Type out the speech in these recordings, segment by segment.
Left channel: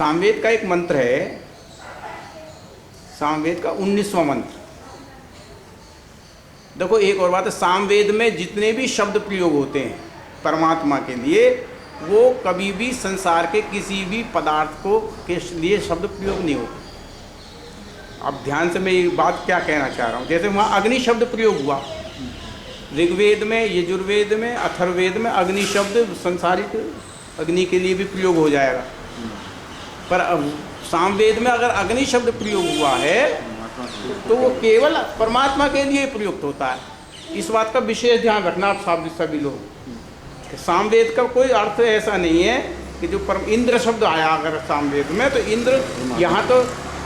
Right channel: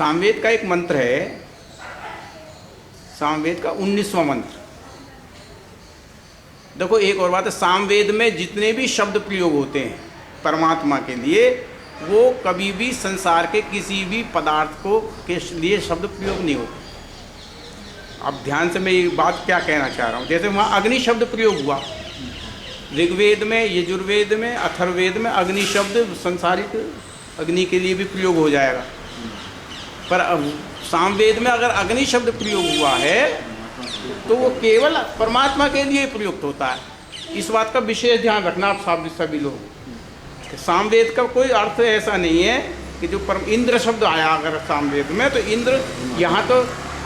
सामवेद का एक मंत्र है, सामवेद का 19वां मंत्र। देखो एक और बात है, सामवेद में जितने भी शब्द प्रयोग होते हैं परमात्मा के लिए, वो कभी भी संसार के किसी भी पदार्थ को के लिए शब्द प्रयोग नहीं होते। अब ध्यान से मैं ये बात क्या कहना चाह रहा हूँ, जैसे वहाँ अग्नि शब्द प्रयोग हुआ, ऋग्वेद में, यजुर्वेद में, अथर्ववेद में अग्नि शब्द संसारिक अग्नि के लिए भी प्रयोग हो जाएगा। पर अब सामवेद में अगर अग्नि शब्द प्रयोग हुआ है तो वो केवल परमात्मा के लिए प्रयुक्त होता है। इस बात का विशेष ध्यान रखना आप सभी लोग। सामवेद का कोई अर्थ ऐसा नहीं है कि जो इंद्र शब्द आया अगर सामवेद में, तो इंद्र यहाँ तो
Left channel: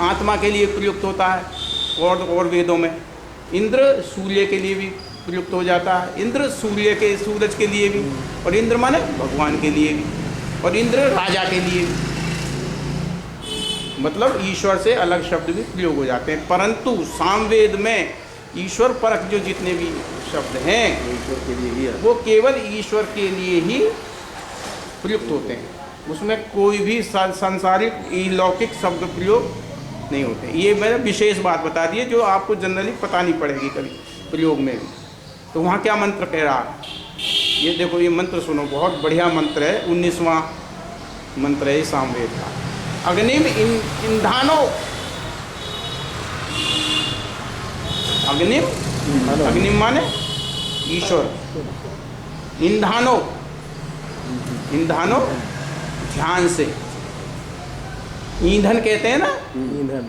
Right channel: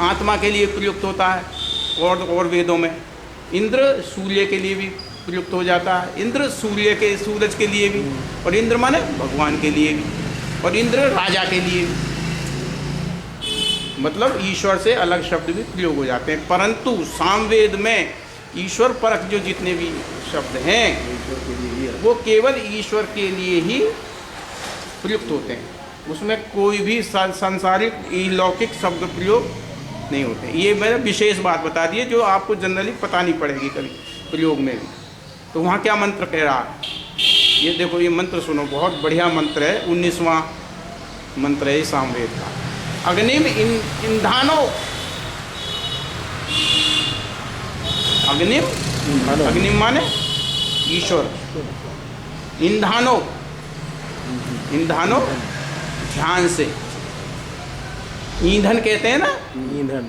आत्मा के लिए प्रयुक्त होता है, और वेदों में इंद्र सूर्य के लिए भी प्रयुक्त हो जाता है, इंद्र सूरज के लिए भी, और इंद्र माने भगवान के लिए भी, और इंद्र राजा के लिए भी। मतलब ईश्वर से अलग शब्द भी प्रयोग हो जाते हैं, परंतु सामवेद में ईश्वर परक जो जितने भी शब्द हैं ईश्वर के लिए वो केवल ईश्वर के लिए ही प्रयुक्त होते हैं। उसमें कोई भी सांसारिक लौकिक शब्द प्रयोग नहीं होते। ये मैंने विशेष बात बता दी है जो आपको जनरली पता नहीं पड़ेगी कभी प्रयोग में भी। तो वहाँ क्या मंत्र कह रहा है, ये देखो, ये मंत्र सुनो, बहुत बढ़िया मंत्र है, 19वां मंत्र है सामवेद का। अग्निम इंधानो, अग्निम माने ईश्वर, इंधानो ध्यान से, ईंधन कहते हैं ना,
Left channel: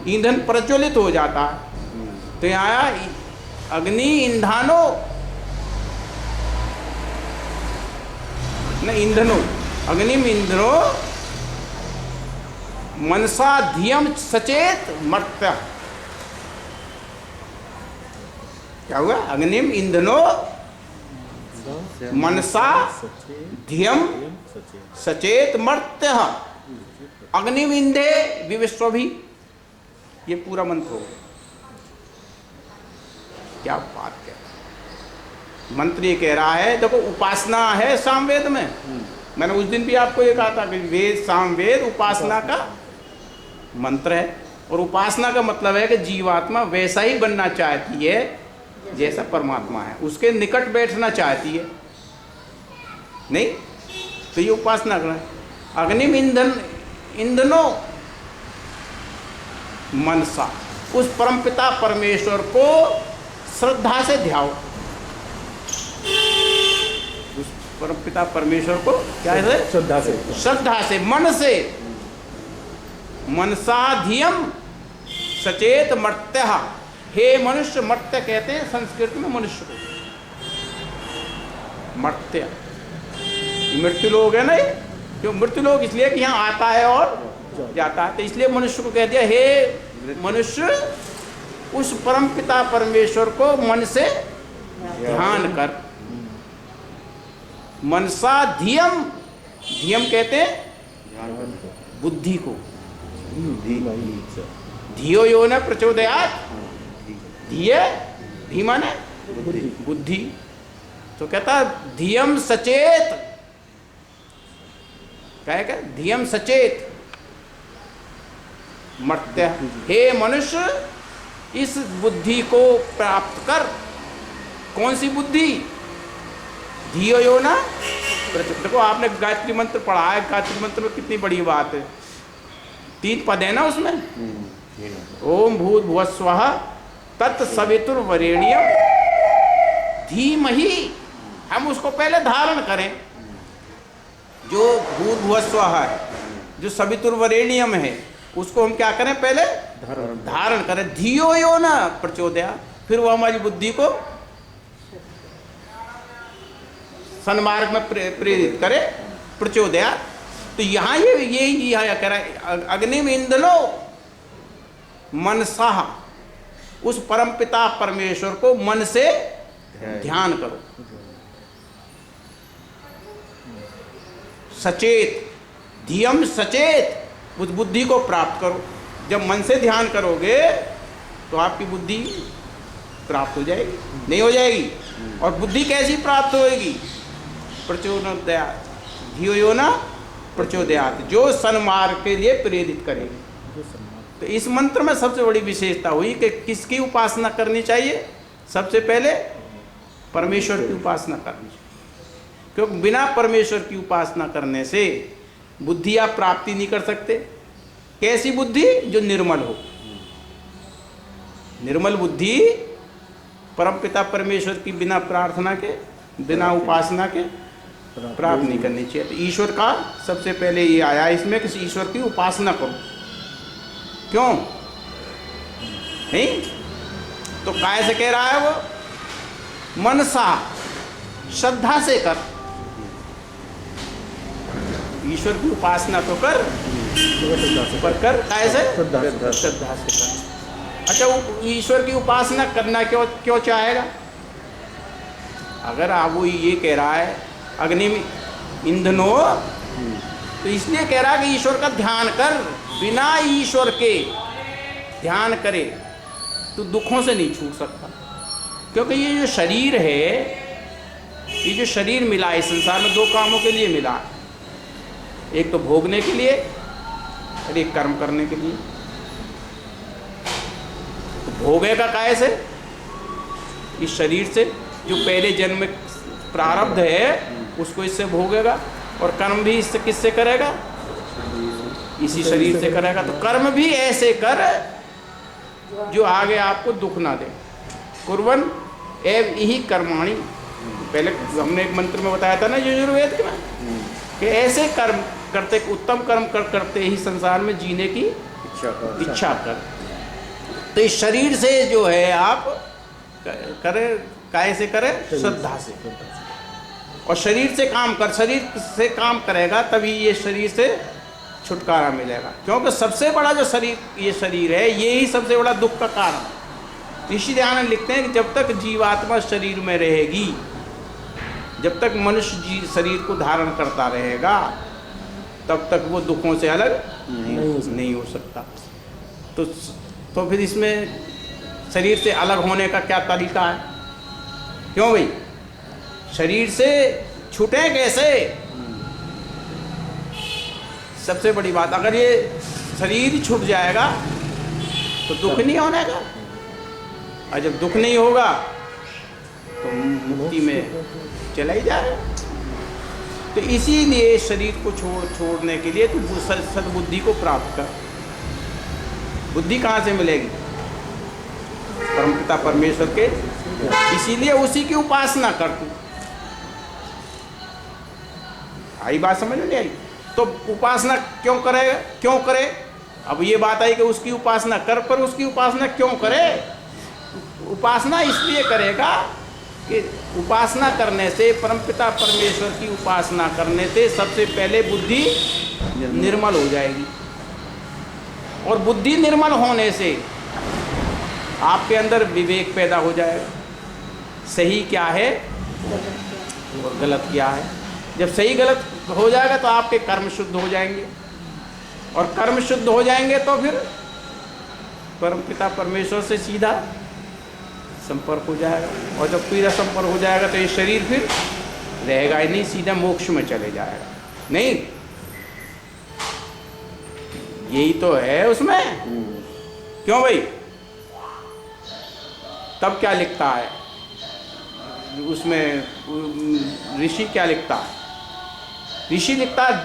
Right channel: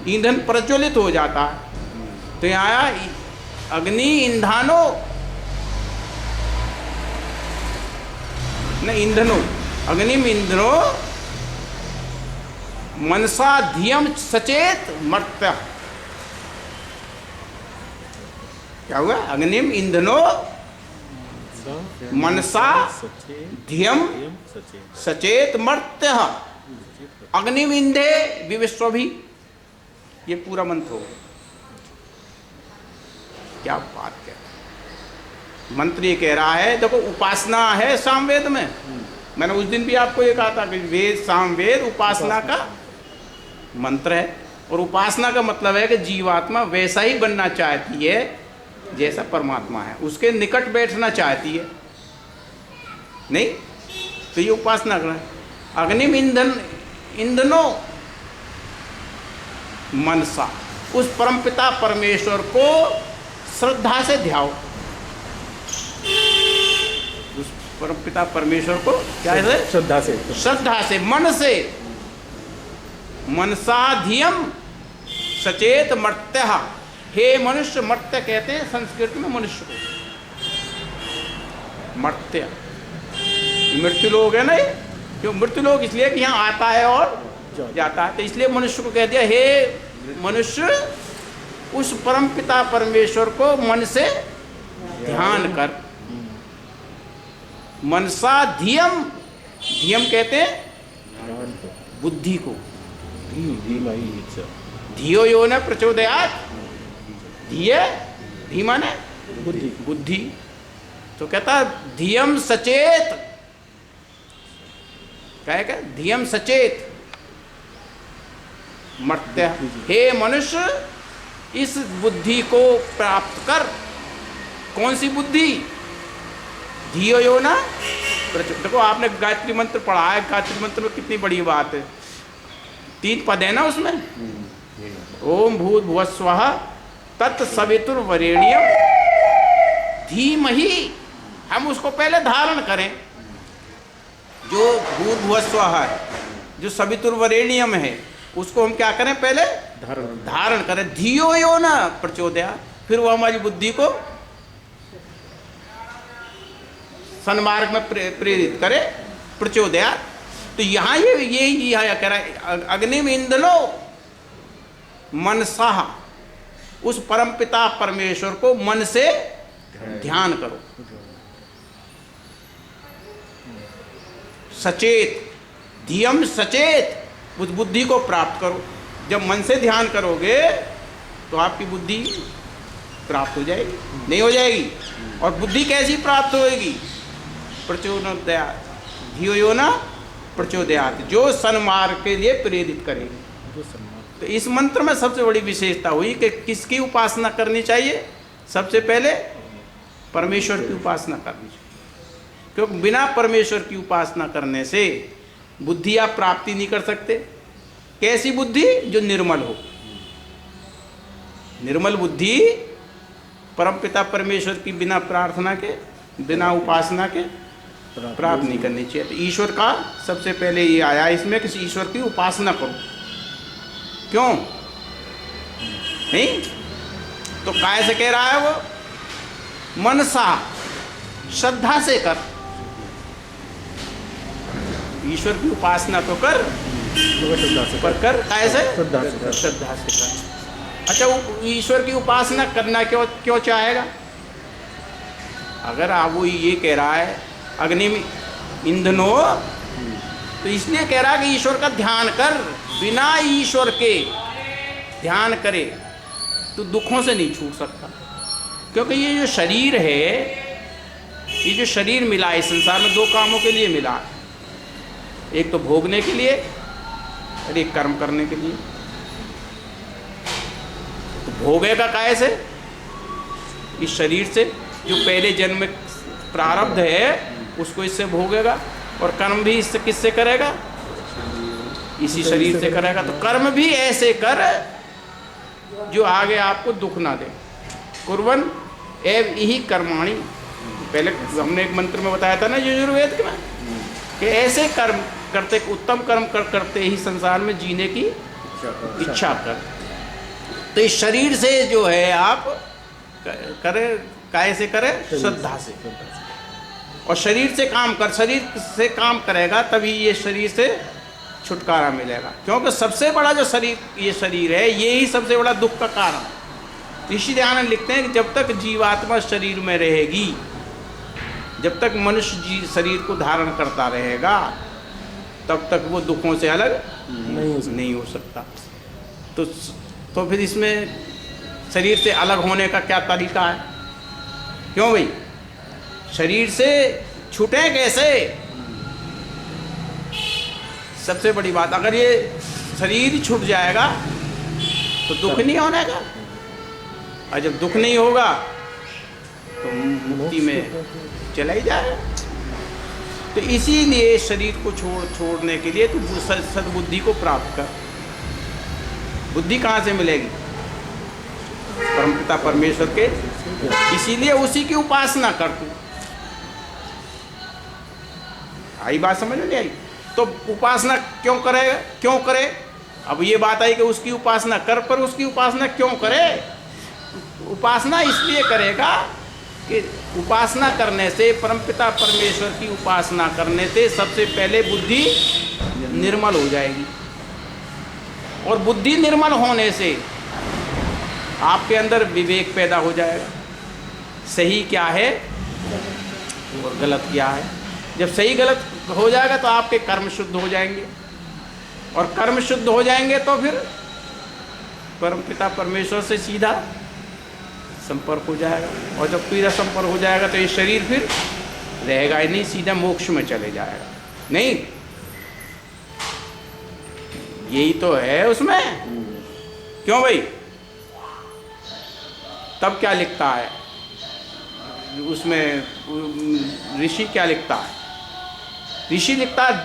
ईंधन प्रज्वलित हो जाता है। तो यहाँ आया अग्नि इंधानो न ईंधनो, अग्निम इंद्रो मनसा धियम सचेत मर्त्य। क्या हुआ, अग्निम इंधनो मनसा धियम सचेत मर्त्य, अग्निम इंधे विविश्वभि। ये पूरा मंत्र हो। क्या बात कह रहा है मंत्र, ये कह रहा है देखो उपासना है सामवेद में। मैंने उस दिन भी आपको ये कहा था कि वेद, सामवेद उपासना का मंत्र है, और उपासना का मतलब है कि जीवात्मा वैसा ही बनना चाहती है जैसा परमात्मा है, उसके निकट बैठना चाहती है नहीं, तो ये उपासना करना है। अग्निम इंधनो मनसा, उस परमपिता परमेश्वर को श्रद्धा से ध्याओ। उस परमपिता परमेश्वर को क्या है, श्रद्धा से मन से, मनसा धियम सचेत मर्त्य। हे मनुष्य, मर्त्य कहते हैं संस्कृत में मनुष्य को, मर्त्य मृत्यु लोग है ना, क्यों मृत्यु लोग, इसलिए कि यहाँ आता है और जाता है, तो इसलिए मनुष्य को कह दिया हे मनुष्य, उस परम पिता परमेश्वर को मन से ध्यान कर। मनसा धियम, धियम कहते हैं बुद्धि को, धियो यो न प्रचोदयात्, धी माने बुद्धि। तो कहता धियम सचेत, क्या है, धियम सचेत मर्त्य। हे मनुष्य, इस बुद्धि को प्राप्त कर। कौन सी बुद्धि, धियो यो न। देखो आपने गायत्री मंत्र पढ़ा है, गायत्री मंत्र में कितनी बड़ी बात है, 3 पद है ना उसमें, ओम भूत भुवस्वः तत्सवितुर्वरेण्यम धीमहि। हम उसको पहले धारण करें, जो भूत भुवस्वः है, जो सवितुर्वरेण्यम है, उसको हम क्या करें, पहले धारण करें। धियो यो न प्रचोदयात्, फिर वो हमारी बुद्धि को सन्मार्ग में प्रेरित करे, प्रचोदयात्। तो यहाँ ये यहाँ कह रहा है अग्निम इंधनो मनसा, उस परमपिता परमेश्वर को मन से ध्यान करो, सचेत, धियम सचेत, उस बुद्धि को प्राप्त करो। जब मन से ध्यान करोगे तो आपकी बुद्धि प्राप्त हो जाएगी, नहीं हो जाएगी। और बुद्धि कैसी प्राप्त होएगी, प्रचोदयात् धियो यो न प्रचोदयात्, जो सन्मार्ग के लिए प्रेरित करेगी। तो इस मंत्र में सबसे बड़ी विशेषता हुई कि किसकी उपासना करनी चाहिए? सबसे पहले परमेश्वर की उपासना करनी चाहिए, क्योंकि बिना परमेश्वर की उपासना करने से बुद्धि आप प्राप्ति नहीं कर सकते। कैसी बुद्धि? जो निर्मल हो। निर्मल बुद्धि परमपिता परमेश्वर की बिना प्रार्थना के, बिना उपासना के प्राप्त नहीं करनी चाहिए। तो ईश्वर का सबसे पहले ये आया इसमें कि ईश्वर की उपासना करो। क्यों नहीं? तो काय से कह रहा है वो? मनसा, श्रद्धा से कर। ईश्वर की उपासना तो कर, पर कर काय से? श्रद्धा से कर। अच्छा, वो ईश्वर की उपासना करना क्यों चाहेगा? अगर आप वो ये कह रहा है अग्नि में ईंधनो, तो इसलिए कह रहा है कि ईश्वर का ध्यान कर। बिना ईश्वर के ध्यान करे तो दुखों से नहीं छूट सकता। क्योंकि ये जो शरीर है, ये जो शरीर मिला है संसार में, दो कामों के लिए मिला। एक तो भोगने के लिए और एक कर्म करने के लिए। तो भोगेगा काय से? इस शरीर से, जो पहले जन्म में प्रारब्ध है उसको इससे भोगेगा। और कर्म भी इससे किससे करेगा? इसी शरीर से करेगा। तो कर्म भी ऐसे कर जो आगे आपको दुख ना दे। कुर्वन् एव इहि कर्माणि, पहले हमने एक मंत्र में बताया था ना यजुर्वेद में, कि ऐसे कर्म करते, उत्तम कर्म करते ही संसार में जीने की इच्छा कर। तो इस शरीर से जो है आप करे, काय से करे? श्रद्धा से। और शरीर से काम कर, शरीर से काम करेगा तभी ये शरीर से छुटकारा मिलेगा। क्योंकि सबसे बड़ा जो शरीर, ये शरीर है, ये ही सबसे बड़ा दुख का कारण। ऋषि दयानंद लिखते हैं कि जब तक जीवात्मा शरीर में रहेगी, जब तक मनुष्य शरीर को धारण करता रहेगा, तब तक वो दुखों से अलग नहीं हो सकता। तो फिर इसमें शरीर से अलग होने का क्या तरीका है? क्यों भाई? शरीर से छूटे कैसे? सबसे बड़ी बात, अगर ये शरीर ही छूट जाएगा तो दुख नहीं होने का। और जब दुख नहीं होगा तो मुक्ति में चला ही जाएगा। तो इसीलिए शरीर को छोड़ने के लिए तो सद्बुद्धि को प्राप्त कर। बुद्धि कहाँ से मिलेगी? परमपिता परमेश्वर के। इसीलिए उसी की उपासना कर तू। आई बात समझ में नहीं आई? तो उपासना क्यों करे? अब ये बात आई कि उसकी उपासना कर, पर उसकी उपासना क्यों करे? उपासना इसलिए करेगा कि उपासना करने से, परमपिता परमेश्वर की उपासना करने से सबसे पहले बुद्धि निर्मल हो जाएगी। और बुद्धि निर्मल होने से आपके अंदर विवेक पैदा हो जाएगा। सही क्या है और गलत क्या है। जब सही गलत हो जाएगा तो आपके कर्म शुद्ध हो जाएंगे, और कर्म शुद्ध हो जाएंगे तो फिर परमपिता परमेश्वर से सीधा संपर्क हो जाएगा। और जब सीधा संपर्क हो जाएगा तो ये शरीर फिर रहेगा ही नहीं, सीधा मोक्ष में चले जाएगा। नहीं, यही तो है उसमें। क्यों भाई? तब क्या लिखता है उसमें? ऋषि क्या लिखता है? ऋषि लिखता है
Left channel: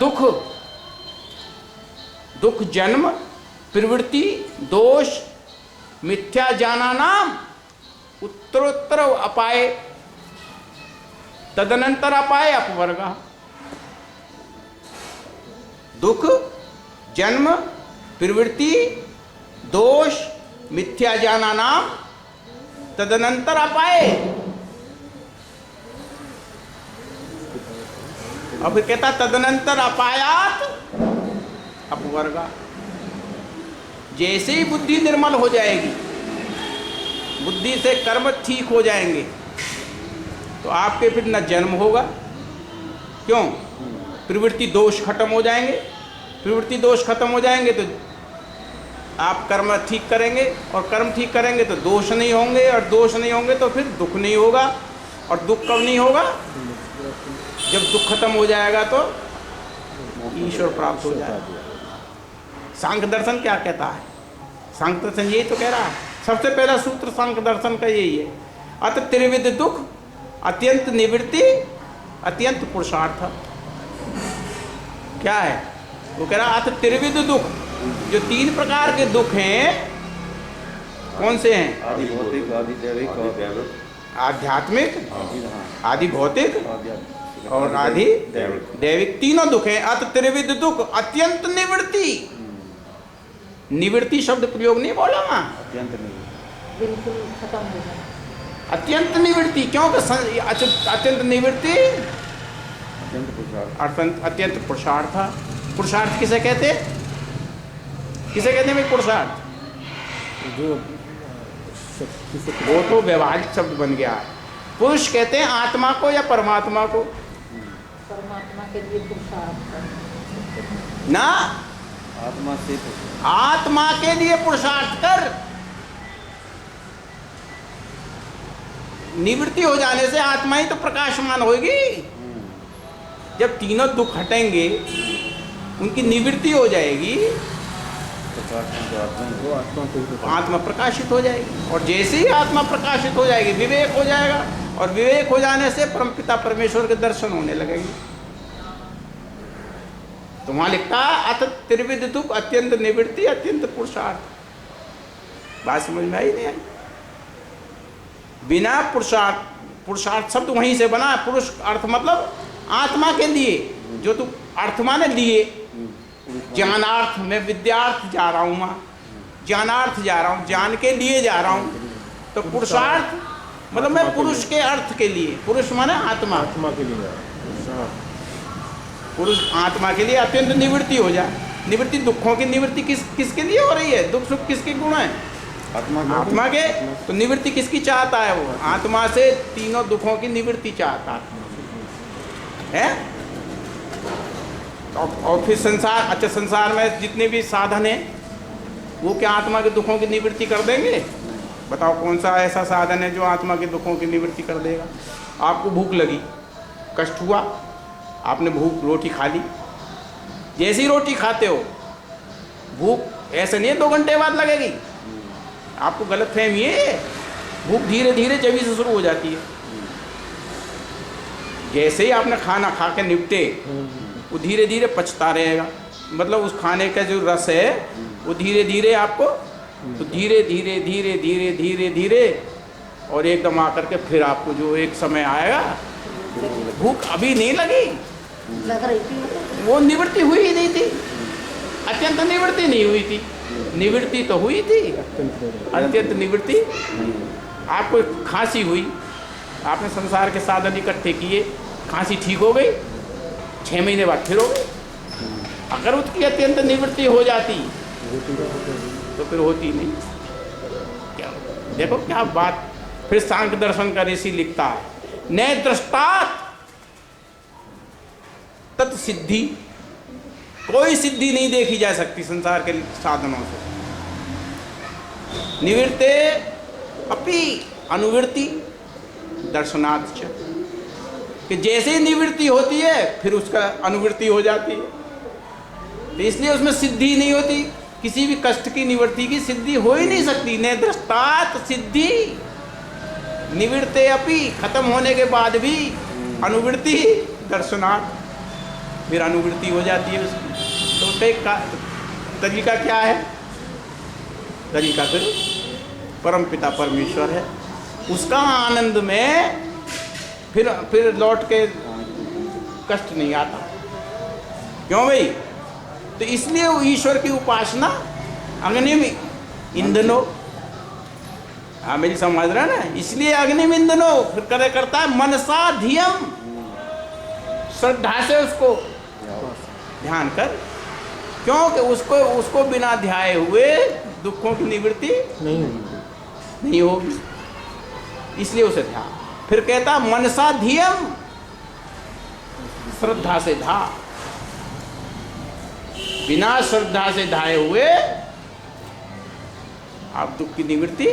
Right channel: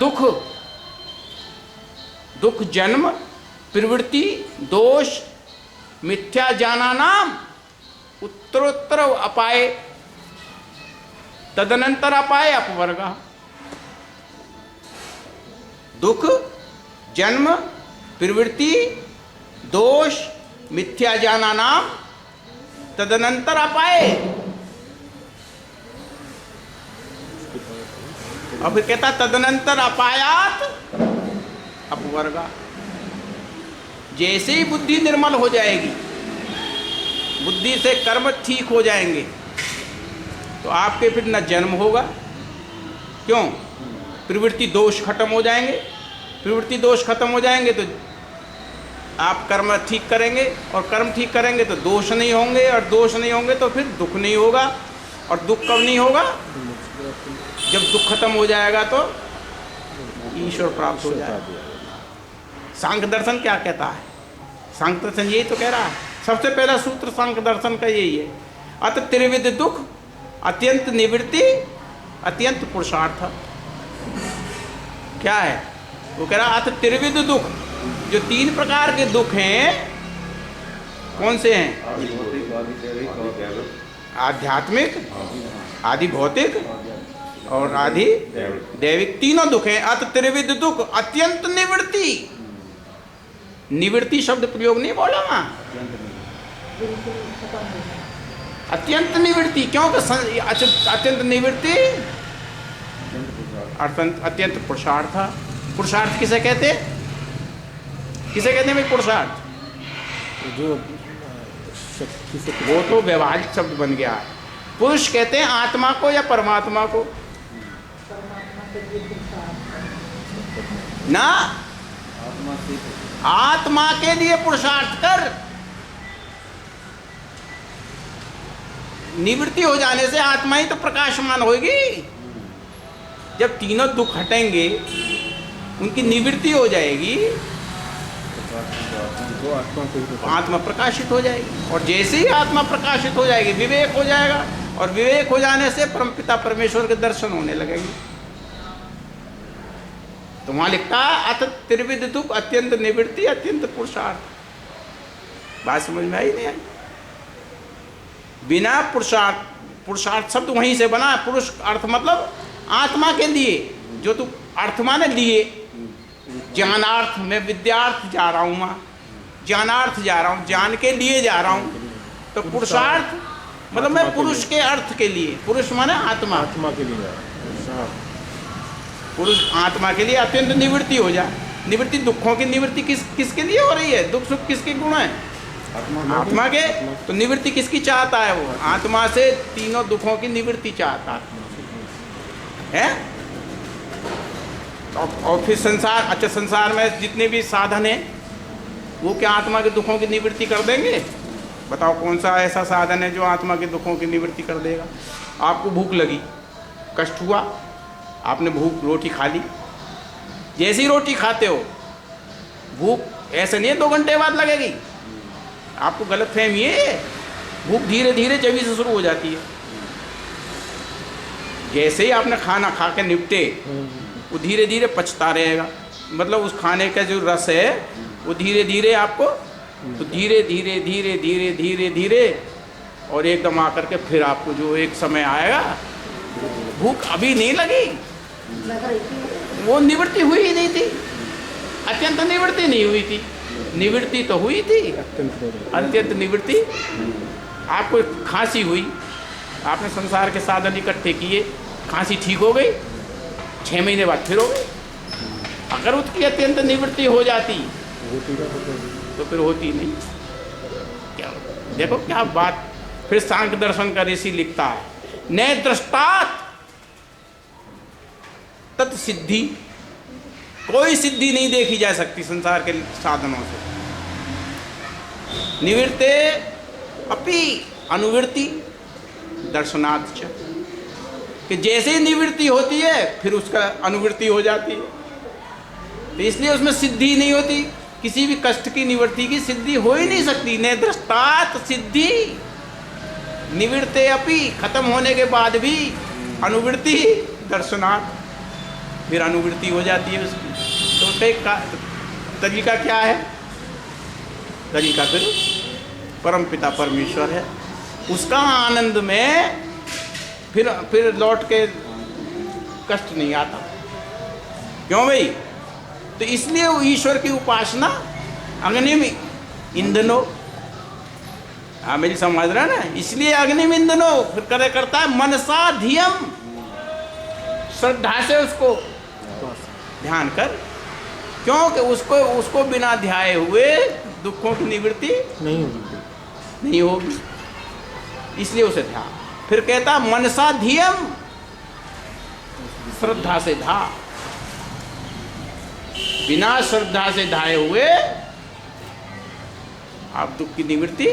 दुख जन्म प्रवृत्ति दोष मिथ्या जाना नाम उत्तरोत्तर अपाय तदनंतर अपाय अपवर्ग। दुख जन्म प्रवृत्ति दोष मिथ्या जाना नाम तदनंतर अपाय। और फिर कहता तदनंतर अपायात अपवर्गा। जैसे ही बुद्धि निर्मल हो जाएगी, बुद्धि से कर्म ठीक हो जाएंगे, तो आपके फिर न जन्म होगा। क्यों? प्रवृत्ति दोष खत्म हो जाएंगे। प्रवृत्ति दोष खत्म हो जाएंगे तो आप कर्म ठीक करेंगे, और कर्म ठीक करेंगे तो दोष नहीं होंगे, और दोष नहीं होंगे तो फिर दुख नहीं होगा। और दुख कब नहीं होगा? जब दुख खत्म हो जाएगा तो ईश्वर प्राप्त हो जाए। सांख्य दर्शन क्या कहता है? सांख्य दर्शन यही तो कह रहा है, सबसे पहला सूत्र सांख्य दर्शन का यही है, अत त्रिविध दुख अत्यंत निवृत्ति अत्यंत पुरुषार्थ। क्या है वो कह रहा? अत त्रिविध दुख, जो 3 प्रकार के दुख हैं, कौन से हैं? आध्यात्मिक, आदि भौतिक और आदि दैविक, तीनों दुख हैं। अत त्रिविध दुख अत्यंत निवृत्ति। निवृत्ति शब्द प्रयोग नहीं बोला वहां, अत्यंत निवृत्ति। क्योंकि अत्यंत निवृत्ति अत्यंत पुरुषार्थ। पुरुषार्थ किसे कहते? किसे कहते हैं भाई पुरुषार्थ? जो वो तो व्यवहारिक शब्द बन गया है। पुरुष कहते हैं आत्मा को या परमात्मा को? परमात्मा के लिए पुरुषार्थ ना, आत्मा के लिए पुरुषार्थ कर। निवृत्ति हो जाने से आत्मा ही तो प्रकाशमान होगी। जब तीनों दुख हटेंगे, उनकी निवृत्ति हो जाएगी, आत्मा प्रकाशित हो जाएगी। और जैसे ही आत्मा प्रकाशित हो जाएगी, विवेक हो जाएगा, और विवेक हो जाने से परमपिता परमेश्वर के दर्शन होने लगेंगे। तो वहां लिखता है अत त्रिविध दुख अत्यंत निवृत्ति अत्यंत पुरुषार्थ। बात समझ में आई नहीं आई? बिना पुरुषार्थ, पुरुषार्थ शब्द वहीं से बना। पुरुष अर्थ मतलब आत्मा के लिए, जो तू अर्थ माने लिए, ज्ञानार्थ में विद्यार्थ जा रहा हूं, मां ज्ञानार्थ जा रहा हूं, ज्ञान के लिए जा रहा हूं। तो पुरुषार्थ मतलब मैं पुरुष के अर्थ के लिए, पुरुष माने आत्मा, आत्मा के लिए, पुरुष आत्मा के लिए अत्यंत निवृत्ति हो जाए। निवृत्ति, दुखों की निवृत्ति किसके लिए हो रही है? दुख सुख किसके गुण है? आत्मा के। तो निवृत्ति किसकी चाहता है? वो आत्मा से तीनों दुखों की निवृत्ति चाहता है। और फिर संसार, अच्छा संसार में जितने भी साधन हैं वो क्या आत्मा के दुखों की निवृत्ति कर देंगे? बताओ कौन सा ऐसा साधन है जो आत्मा के दुखों की निवृत्ति कर देगा? आपको भूख लगी, कष्ट हुआ, आपने भूख रोटी खा ली। जैसी रोटी खाते हो, भूख ऐसे नहीं है 2 घंटे बाद लगेगी। आपको गलतफहमी है, भूख धीरे धीरे जभी से शुरू हो जाती है। जैसे ही आपने खाना खा के निपटे, वो धीरे धीरे पचता रहेगा। मतलब उस खाने का जो रस है वो धीरे धीरे आपको, तो धीरे धीरे धीरे धीरे धीरे धीरे और एकदम आकर के फिर आपको जो एक समय आएगा, भूख अभी नहीं लगी, लग रही थी, वो निवृत्ति हुई ही नहीं थी, अत्यंत निवृत्ति नहीं हुई थी। निवृत्ति तो हुई थी, अत्यंत निवृत्ति। आपको खांसी हुई, आपने संसार के साधन इकट्ठे किए, खांसी ठीक हो गई, 6 महीने बाद फिर हो गई। अगर उसकी अत्यंत निवृत्ति हो जाती तो फिर होती नहीं। क्या देखो क्या बात। फिर सांख्य दर्शन का ऋषि लिखता है, न दृष्टात तत् सिद्धि, कोई सिद्धि नहीं देखी जा सकती संसार के साधनों से। निवृत्ते अपि अनुवृत्ति दर्शनात् च, कि जैसे ही निवृत्ति होती है फिर उसका अनुवृत्ति हो जाती है। तो इसलिए उसमें सिद्धि नहीं होती, किसी भी कष्ट की निवृत्ति की सिद्धि हो ही नहीं सकती। न दृष्टात सिद्धि, निवृत्ते अपि, खत्म होने के बाद भी अनुवृत्ति दर्शनात्, फिर अनुवृत्ति हो जाती है उसकी। तो उसका तरीका क्या है? तरीका फिर परमपिता परमेश्वर है, उसका आनंद में फिर लौट के कष्ट नहीं आता। क्यों भाई? तो इसलिए वो ईश्वर की उपासना अग्नि में ईंधनो, मेरी समझ रहा ना, इसलिए अग्नि में ईंधनो फिर करे करता है मनसा धियम, श्रद्धा से उसको ध्यान कर। क्योंकि उसको बिना ध्याए हुए दुखों की निवृत्ति नहीं होगी, इसलिए उसे ध्यान। फिर कहता मनसा धियम, श्रद्धा से धा, बिना श्रद्धा से धाए हुए आप दुख की निवृत्ति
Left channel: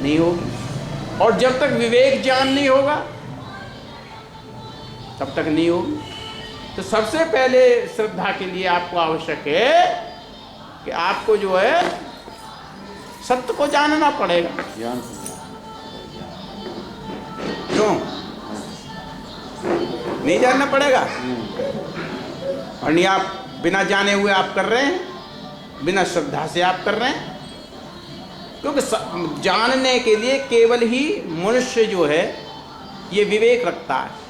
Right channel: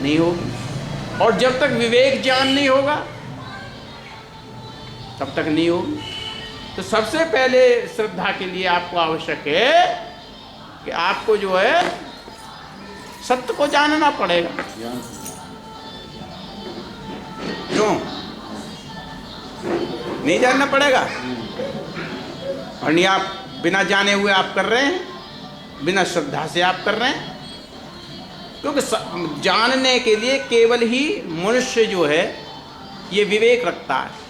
नहीं होगी। और जब तक विवेक ज्ञान नहीं होगा तब तक नहीं होगी। तो सबसे पहले श्रद्धा के लिए आपको आवश्यक है कि आपको जो है सत्य को जानना पड़ेगा। क्यों नहीं जानना पड़ेगा? और नहीं, आप बिना जाने हुए आप कर रहे हैं, बिना श्रद्धा से आप कर रहे हैं। क्योंकि जानने के लिए केवल ही मनुष्य जो है ये विवेक रखता है।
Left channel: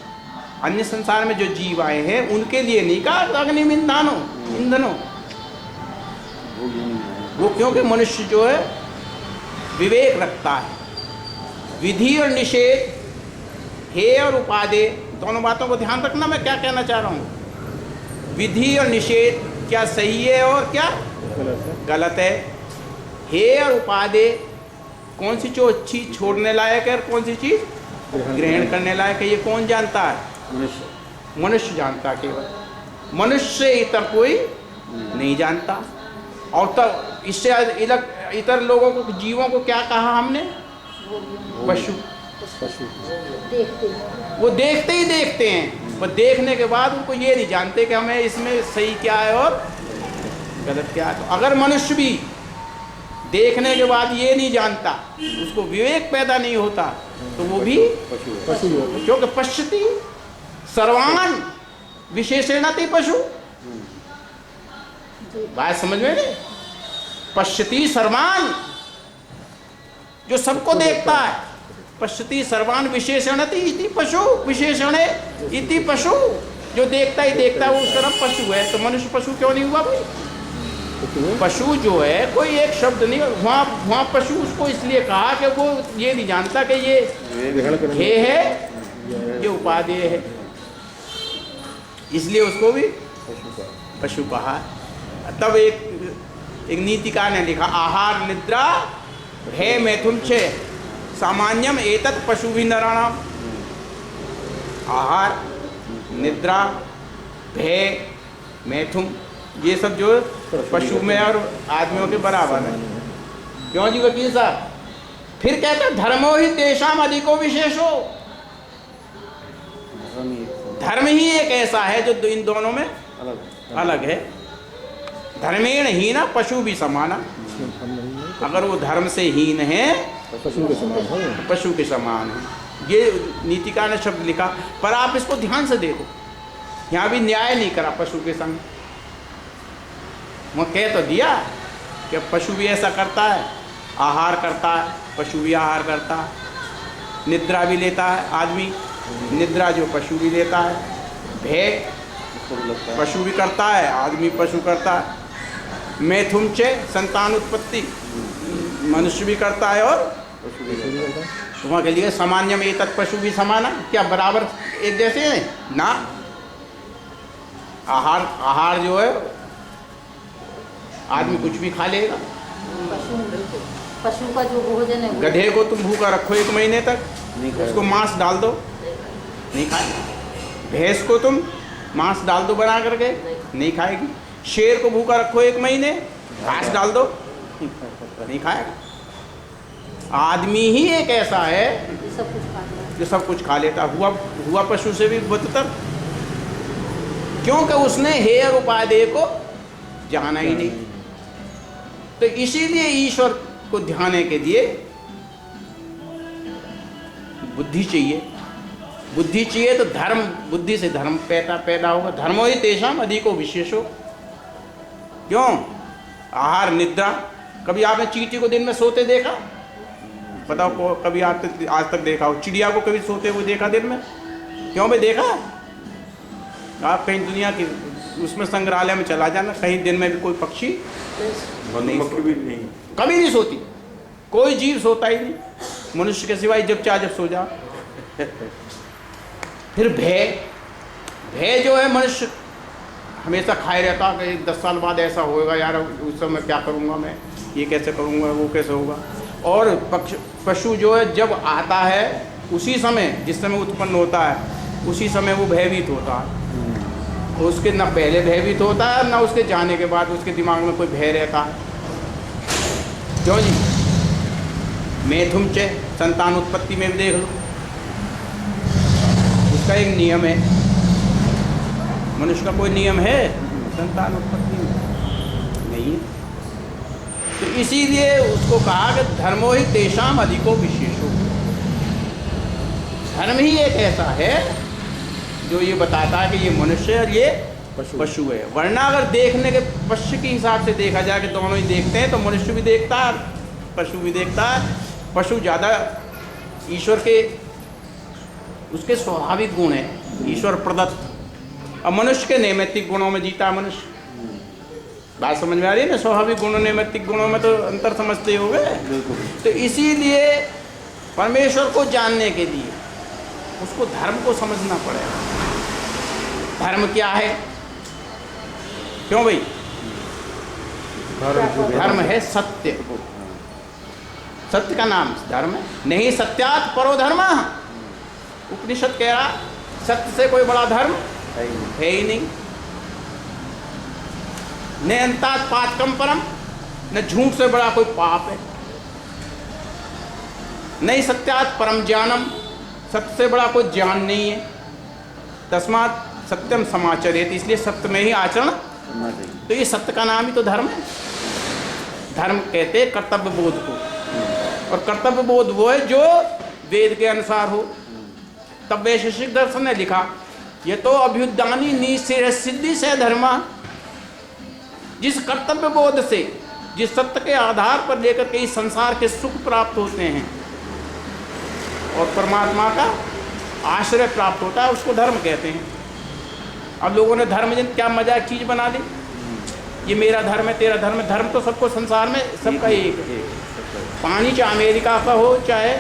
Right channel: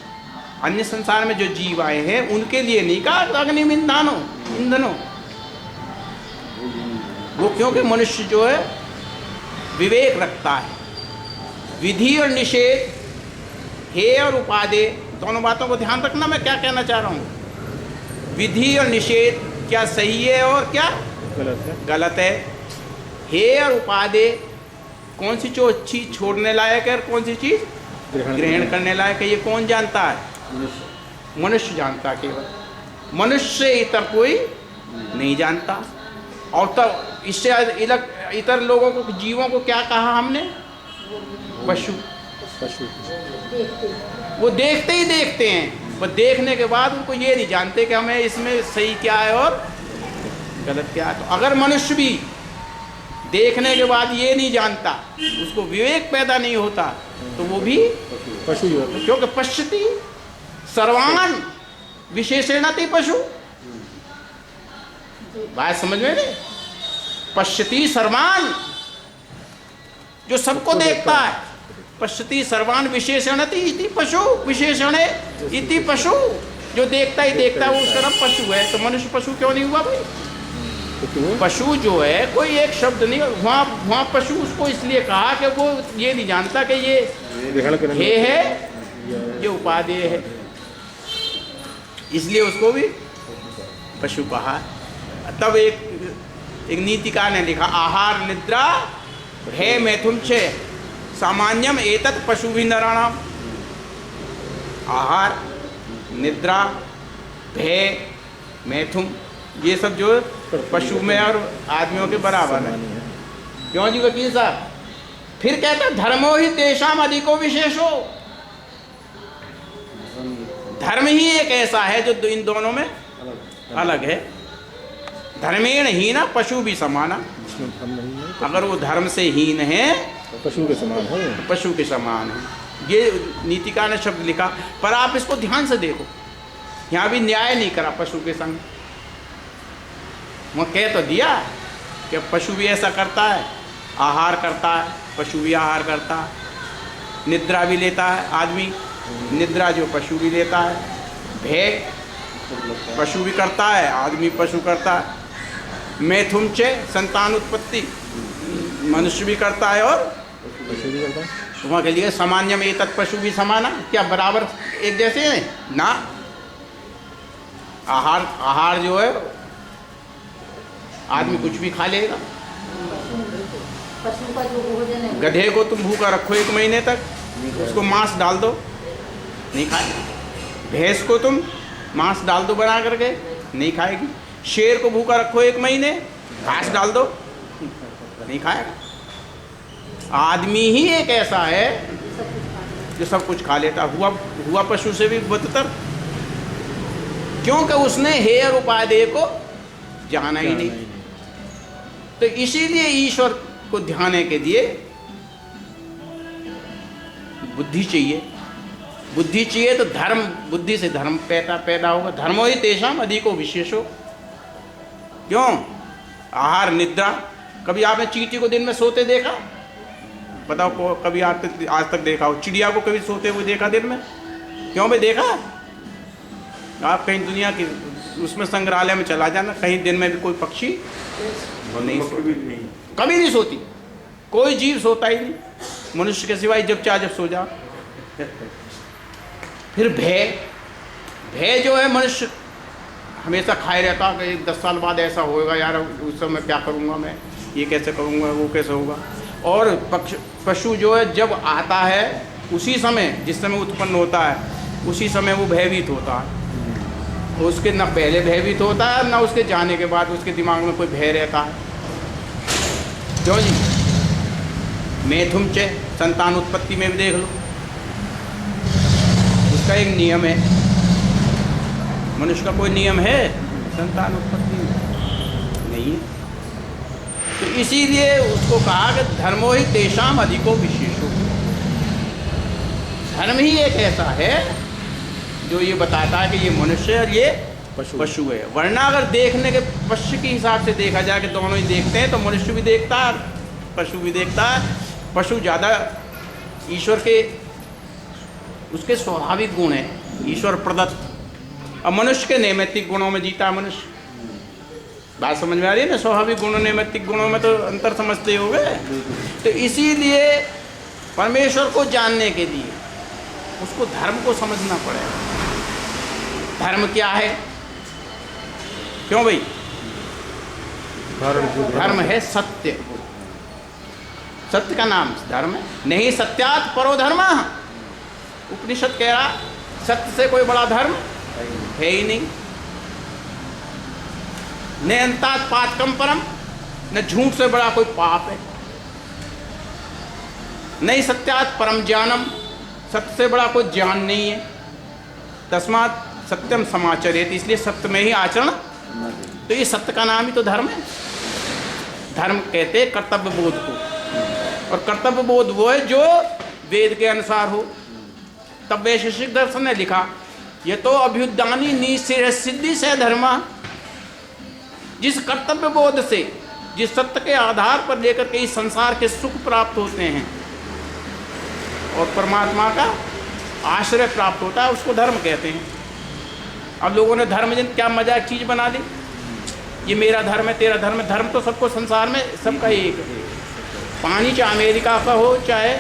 अन्य संसार में जो जीव आए हैं उनके लिए नहीं कहा अग्नि में ईंधनो, वो क्योंकि मनुष्य जो है विवेक रखता है। विधि और निषेध, हेय और उपादेय, दोनों बातों को ध्यान रखना। मैं क्या कहना चाह रहा हूँ, विधि और निषेध क्या सही है और क्या गलत है। हेय और उपादेय, कौन सी चीज छोड़ने लायक है और कौन सी चीज ग्रहण करने लायक है, ये कौन जानता है? मनुष्य जानता है। केवल मनुष्य इतर कोई नहीं जानता। और तब इससे इतर लोगों को, जीवों को क्या कहा हमने? पशु। वो देखते ही देखते हैं, पर देखने के बाद उनको ये नहीं जानते कि हमें इसमें सही क्या है और गलत क्या है। तो अगर मनुष्य भी देखने के बाद ये नहीं जानता, उसको विवेक पैदा नहीं होता, तो वो भी पशु। क्योंकि पश्यति सर्वान विशेषणति पशु। बात समझ में नहीं? पश्यति सर्वान, जो सबको देखता है। पश्यति सर्वान विशेषणति इति पशु, विशेषणे इति पशु, जो देखता ही देखता है वो उसका नाम पशु है। तो मनुष्य पशु क्यों नहीं हुआ भाई? पशु जो है कोई एक शब्द नहीं, वहाँ पशु उसको इसलिए कहा कि वो ये नहीं जानता कि ये हे है, ये उपादेय है, इसलिए उसको भी पशु कहा। तब एक नीतिकार ने लिखा, आहार निद्रा भय मैथुन च सामान्यम एतत् पशु भी नराणाम। आहार निद्रा भय मैथुन, ये सब जो पशु में और आदमियों के बराबर है। क्यों जी वकील साहब? फिर कहते हैं धर्मो ही तेषाम अधिको विशेषो। धर्म ही एक ऐसा है जो इन दोनों में अलग है। धर्मेण हीना पशु भी समाना। अगर वो धर्म से हीन है तो पशु के समान है। ये नीतिकार ने शब्द लिखा, पर आप इसको ध्यान से देखो, यहाँ भी न्याय नहीं करा पशु के संग। वो कह तो दिया कि पशु भी ऐसा करता है, आहार करता है, पशु भी आहार करता है, निद्रा भी लेता है आदमी, निद्रा जो पशु भी लेता है, भय पशु भी करता है, आदमी पशु करता है, मैथुन च संतान उत्पत्ति मनुष्य भी करता है और वहाँ के लिए सामान्य में एतत् पशु भी समाना। क्या बराबर एक जैसे हैं ना? आहार जो है आदमी कुछ भी खा लेगा। पशु का जो भोजन है, गधे को तुम भूखा रखो 1 महीने तक, उसको मांस डाल दो, नहीं खाएगा। भैंस को तुम मांस डाल दो बना करके, नहीं खाएगी। शेर को भूखा रखो 1 महीने, घास डाल दो, नहीं खाएगा। आदमी ही एक ऐसा है जो सब कुछ खा लेता। हुआ पशु से भी बदतर, क्योंकि उसने हेय और उपादेय को जाना ही नहीं। तो इसीलिए ईश्वर को ध्यान के लिए बुद्धि चाहिए। बुद्धि चाहिए तो धर्म, बुद्धि से धर्म पैदा होगा। धर्मो ही तेषाम अधिको विशेषो। क्यों? आहार निद्रा। कभी आपने चींटी को दिन में सोते देखा? बताओ, कभी आज तक देखा हो? चिड़िया को कभी सोते हुए देखा दिन में? क्यों भाई देखा? आप कहीं दुनिया की उसमें संग्रहालय में चला जाना, कहीं दिन में भी कोई पक्षी नहीं कभी नहीं सोती, कोई जीव सोता ही नहीं, मनुष्य के सिवाय जब चाहे जब सो जा। फिर भय जो है, मनुष्य हमेशा खाए रहता कि 10 साल बाद ऐसा होएगा, यार उस समय क्या करूँगा मैं, ये कैसे करूँगा, वो कैसे होगा। और पशु जो है जब आता है उसी समय, जिस समय उत्पन्न होता है उसी समय वो भयभीत होता है। उसके न पहले भयभीत होता है न उसके जाने के बाद उसके दिमाग में कोई भय रहता है। क्यों जी? मैथुन च संतान उत्पत्ति में भी देख लो, उसका एक नियम है। मनुष्य का कोई नियम है संतान उत्पत्ति में? नहीं है। तो इसीलिए उसको कहा कि धर्मो ही तेषाम अधिको विशेषो। धर्म ही एक ऐसा है जो ये बताता है कि ये मनुष्य और ये पशु है। वरना अगर देखने के पशु के हिसाब से देखा जाए कि दोनों ही देखते हैं, तो मनुष्य भी देखता है पशु भी देखता है। पशु ज़्यादा ईश्वर के उसके स्वाभाविक गुण हैं, ईश्वर प्रदत्त, और मनुष्य के नैमित्तिक गुणों में जीता है मनुष्य। बात समझ में आ रही है ना? स्वाभाविक गुणों नैमित्तिक गुणों में तो अंतर समझते हो गए। तो इसीलिए परमेश्वर को जानने के लिए उसको धर्म को समझना पड़ेगा। धर्म क्या है? क्यों भाई? धर्म है सत्य। सत्य का नाम धर्म है। नहीं सत्यात् परो धर्मः। उपनिषद कह रहा सत्य से कोई बड़ा धर्म है ही नहीं। न अंतात् पातकम परम, न झूठ से बड़ा कोई पाप है। नहीं सत्यात् परम ज्ञानम, सत्य से बड़ा कोई ज्ञान नहीं है। तस्मात् सत्यम समाचरेत, इसलिए सत्य में ही आचरण। तो ये सत्य का नाम ही तो धर्म है। धर्म कहते हैं कर्तव्य बोध को, और कर्तव्य बोध वो है जो वेद के अनुसार हो। तब वैशेषिक दर्शन ने लिखा ये तो अभ्युदानी निश्चय सिद्धि से धर्म। जिस कर्तव्य बोध से, जिस सत्य के आधार पर लेकर के इस संसार के सुख प्राप्त होते हैं और परमात्मा का आश्रय प्राप्त होता है, उसको धर्म कहते हैं। अब लोगों ने धर्म जन क्या मजाक चीज़ बना दी, ये मेरा धर्म है तेरा धर्म है। धर्म तो सबको संसार में सबका एक है। पानी चाहे अमेरिका का हो चाहे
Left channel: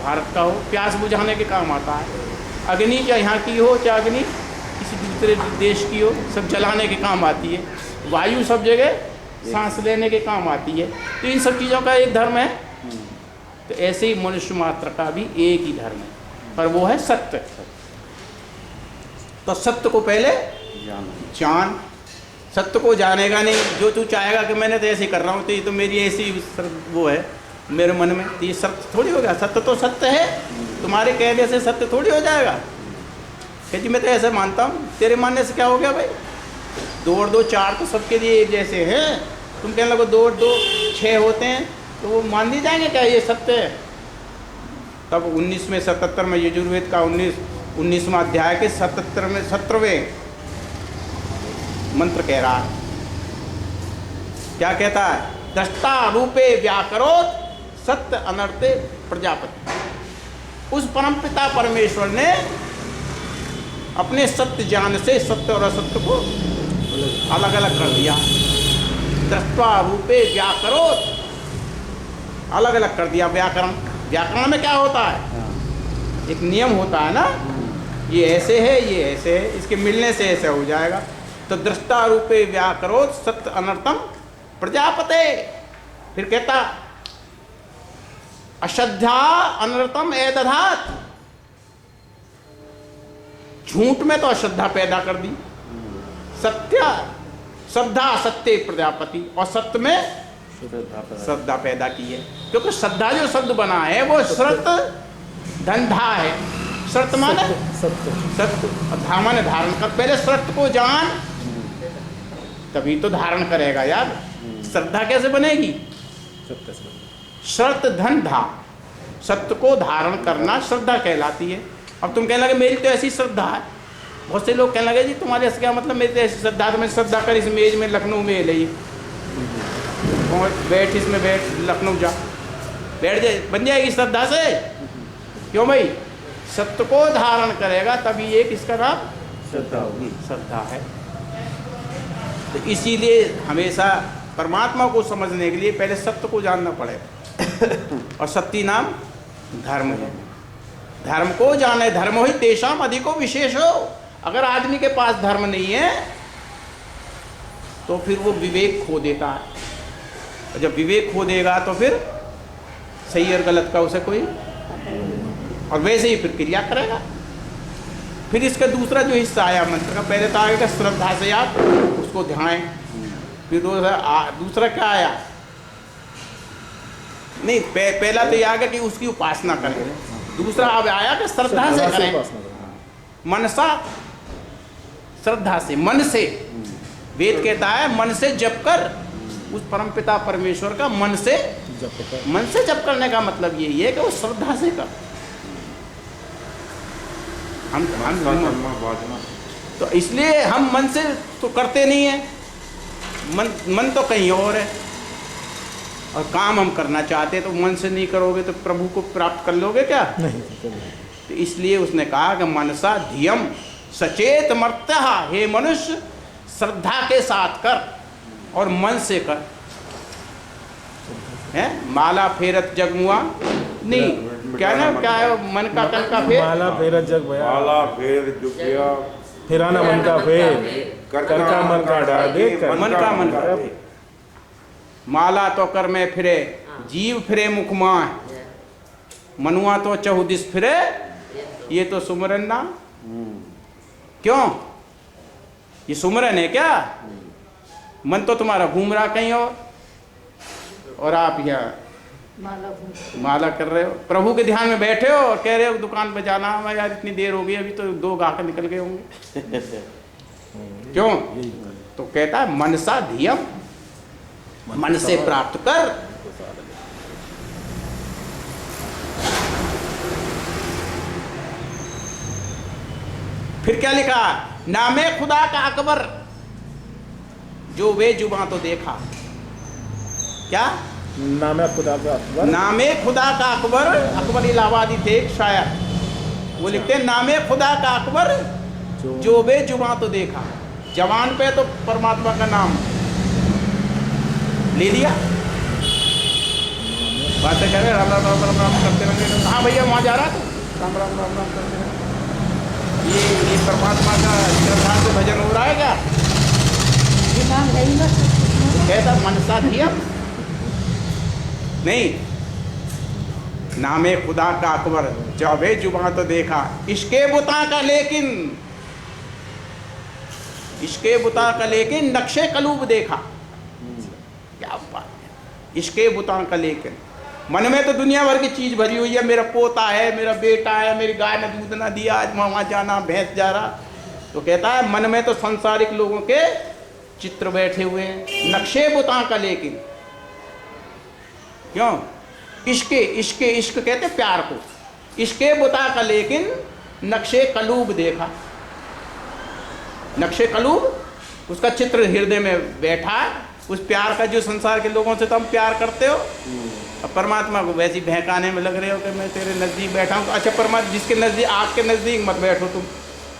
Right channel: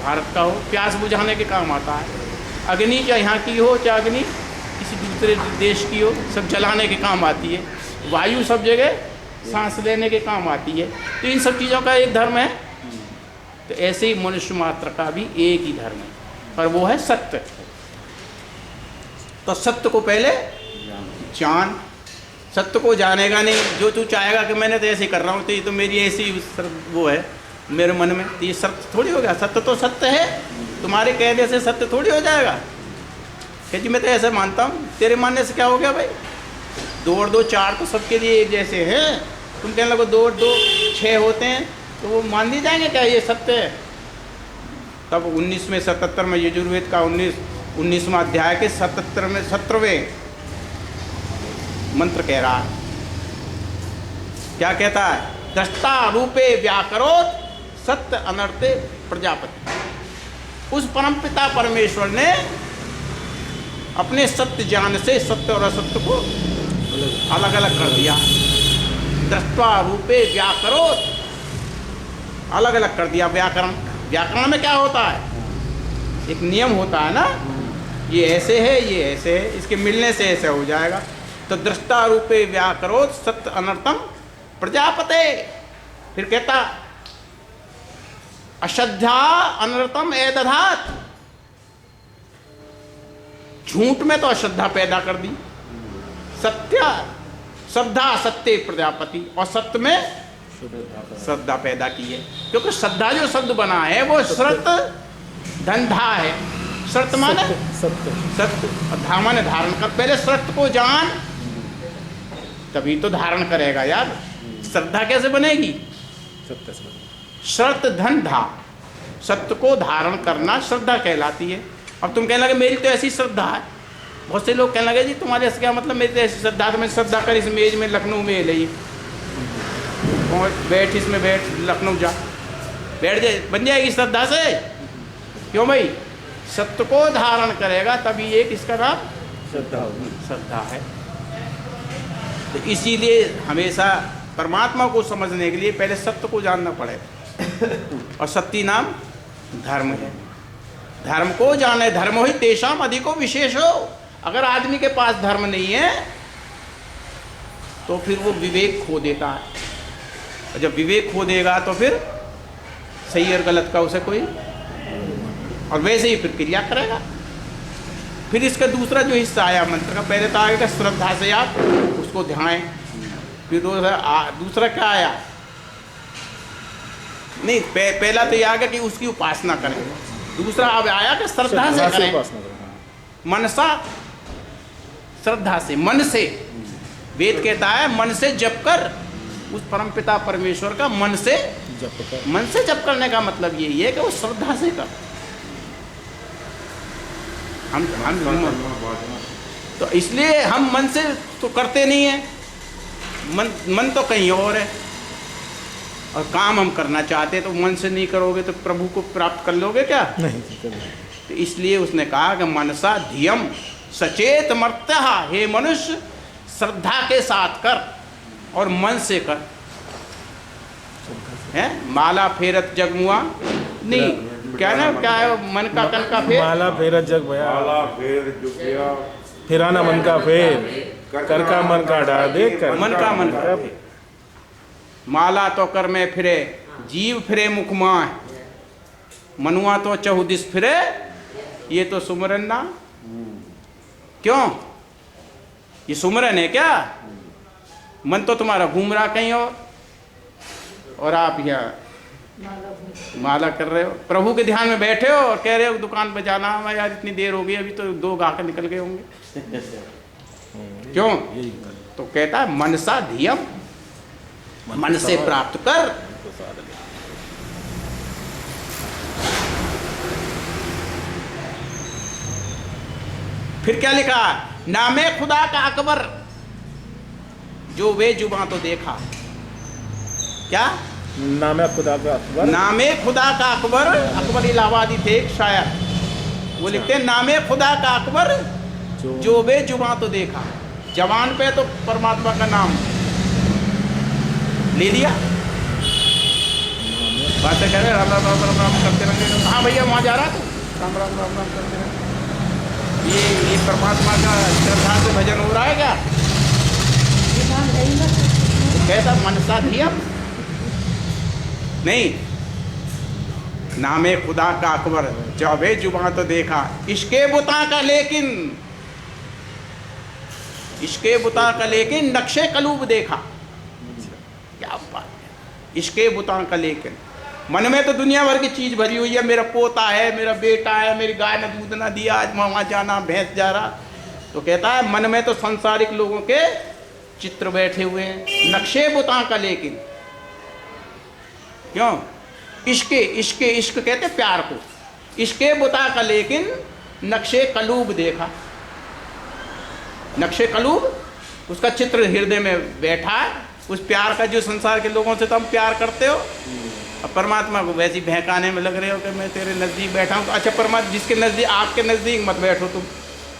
भारत का हो, प्यास बुझाने के काम आता है। अग्नि चाहे यहाँ की हो चाहे अग्नि किसी दूसरे देश की हो, सब जलाने के काम आती है। वायु सब जगह सांस लेने के काम आती है। तो इन सब चीज़ों का एक धर्म है। तो ऐसे ही मनुष्य मात्र का भी एक ही धर्म है, पर वो है सत्य। तो सत्य को पहले जान। सत्य को जानेगा नहीं, जो तू चाहेगा कि मैंने तो ऐसे ही कर रहा हूँ, तो ये तो मेरी ऐसी वो है मेरे मन में, तो ये सत्य थोड़ी हो गया। सत्य तो सत्य है, तुम्हारे कहने से सत्य थोड़ी हो जाएगा कि जी मैं तो ऐसे मानता हूँ। तेरे मानने से क्या हो गया भाई? 2 और 2 4 तो सबके लिए एक जैसे हैं। तुम कहने लगो 2 और 2 6 होते हैं, तो वो मान ली जाएंगे क्या ये सत्य है? तब 1977 में यजुर्वेद का 19वां अध्याय के 17वें मंत्र कह रहा है। क्या कहता है? दृष्टा रूपे व्याकरोत सत्य अनर्थे प्रजापति। उस परमपिता परमेश्वर ने अपने सत्य ज्ञान से सत्य और असत्य को अलग अलग कर दिया। दृष्टा रूपे व्याकरोत, अलग अलग कर दिया। व्याकरण में क्या होता है? एक नियम होता है ना, ये ऐसे है ये ऐसे है, इसके मिलने से ऐसे हो जाएगा। तो दृष्टा रूपे व्याकरोत सत्य अनर्थम प्रजापते। फिर कहता अश्रद्धा अनर्थम एदधात। झूठ में तो अश्रद्धा पैदा कर दी, सत्य श्रद्धा सत्य प्रजापति, और सत्य में श्रद्धा पैदा की है। क्योंकि श्रद्धा जो शब्द बना है वो श्रत धंधा है। श्रत माने सत्य, सत्य, और धा माने धारण कर। पहले श्रत को जान तभी तो धारण करेगा यार। श्रद्धा कैसे बनेगी? श्रत धन धा, सत्य को धारण करना श्रद्धा कहलाती है। अब तुम कहने लगे मेरी तो ऐसी श्रद्धा है। बहुत से लोग कहने लगे जी तुम्हारे ऐसे क्या मतलब? मेरी तो ऐसी श्रद्धा, तो मैं श्रद्धा कर इस मेज में लखनऊ में ले बैठ, इसमें बैठ, लखनऊ जा बैठ जाए, बन जाएगी श्रद्धा से। क्यों भाई? सत्य को धारण करेगा तभी एक इसका नाम श्रद्धा है। तो इसीलिए हमेशा परमात्मा को समझने के लिए पहले सत्य को जानना पड़ेगा, और सत्य नाम धर्म है। धर्म को जाने, धर्मो ही तेषाम अधिको विशेषो। अगर आदमी के पास धर्म नहीं है तो फिर वो विवेक खो देता है, और जब विवेक खो देगा तो फिर सही और गलत का उसे कोई, और वैसे ही फिर क्रिया करेगा। फिर इसका दूसरा जो हिस्सा आया मंत्र का, पहले तो आएगा श्रद्धा से आप उसको ध्यान, फिर दूसरा क्या आया? नहीं, पहला तो ये आ गया कि उसकी उपासना करें। दूसरा अब आया कि श्रद्धा से करें। मनसा श्रद्धा से, मन से। वेद कहता है मन से जप कर, उस परमपिता परमेश्वर का मन से जप करने का मतलब यही है कि वो श्रद्धा से कर। हम तो इसलिए हम मन से तो करते नहीं है, मन तो कहीं और है, और काम हम करना चाहते तो मन से नहीं करोगे तो प्रभु को प्राप्त कर लोगे क्या? नहीं। तो इसलिए उसने कहा कि मनसा धियम सचेत मर्त्य, हे मनुष्य श्रद्धा के साथ कर और मन से कर। है माला फेरत जगमुआ नहीं, क्या ना, क्या है मन का कन का फेर, माला फेरत जग भया, माला फेर जुगिया, फिराना मन का फेर, कर का मन का डाल दे, मन का फेर। माला तो कर में फिरे, जीव फिरे मुख माह, मनुआ तो चहुदिस फिरे, ये तो सुमरन ना। क्यों? ये सुमरन है क्या? मन तो तुम्हारा घूम रहा कहीं और आप यहाँ माला कर रहे हो, प्रभु के ध्यान में बैठे हो और कह रहे हो दुकान पे जाना है यार, इतनी देर हो गई, अभी तो 2 गाहक निकल गए होंगे। क्यों? तो कहता है मनसा धियम, मन से प्राप्त कर। फिर क्या लिखा? नामे खुदा का अकबर, जो वे जुबां तो देखा। क्या? नामे खुदा का अकबर, नामे खुदा का अकबर, अकबर इलाहाबादी थे एक शायर, वो लिखते हैं नामे खुदा का अकबर, जो वे जुबां तो देखा। जवान पे तो परमात्मा का नाम ले लिया, बातें कर रहे राम राम राम राम राम करते रहेंगे। हाँ भैया वहाँ जा रहा तू, राम राम राम राम करते रहे। ये परमात्मा का श्रद्धा से भजन हो रहा है क्या? कैसा मनसा धियम नहीं, नामे खुदा का अकबर, जब जुबां तो देखा। इश्के बुता का लेकिन, इश्के बुता का लेकिन नक्शे कलूब देखा। क्या बात है, इश्के बुता का लेकिन। मन में तो दुनिया भर की चीज भरी हुई है, मेरा पोता है, मेरा बेटा है, मेरी गाय ने दूध ना दिया, आज वहाँ जाना, भैंस जा रहा। तो कहता है मन में तो संसारिक लोगों के चित्र बैठे हुए हैं, नक्शे बुता का लेकिन। क्यों? इश्क कहते प्यार को, इश्के बुता का लेकिन नक्शे कलूब देखा। नक्शे कलूब, उसका चित्र हृदय में बैठा है, उस प्यार का जो संसार के लोगों से तुम प्यार करते हो, अब परमात्मा को वैसी बहकाने में लग रहे हो कि मैं तेरे नज़दीक बैठा हूँ। अच्छा परमात्मा जिसके नज़दीक, आग के नज़दीक मत बैठो तुम,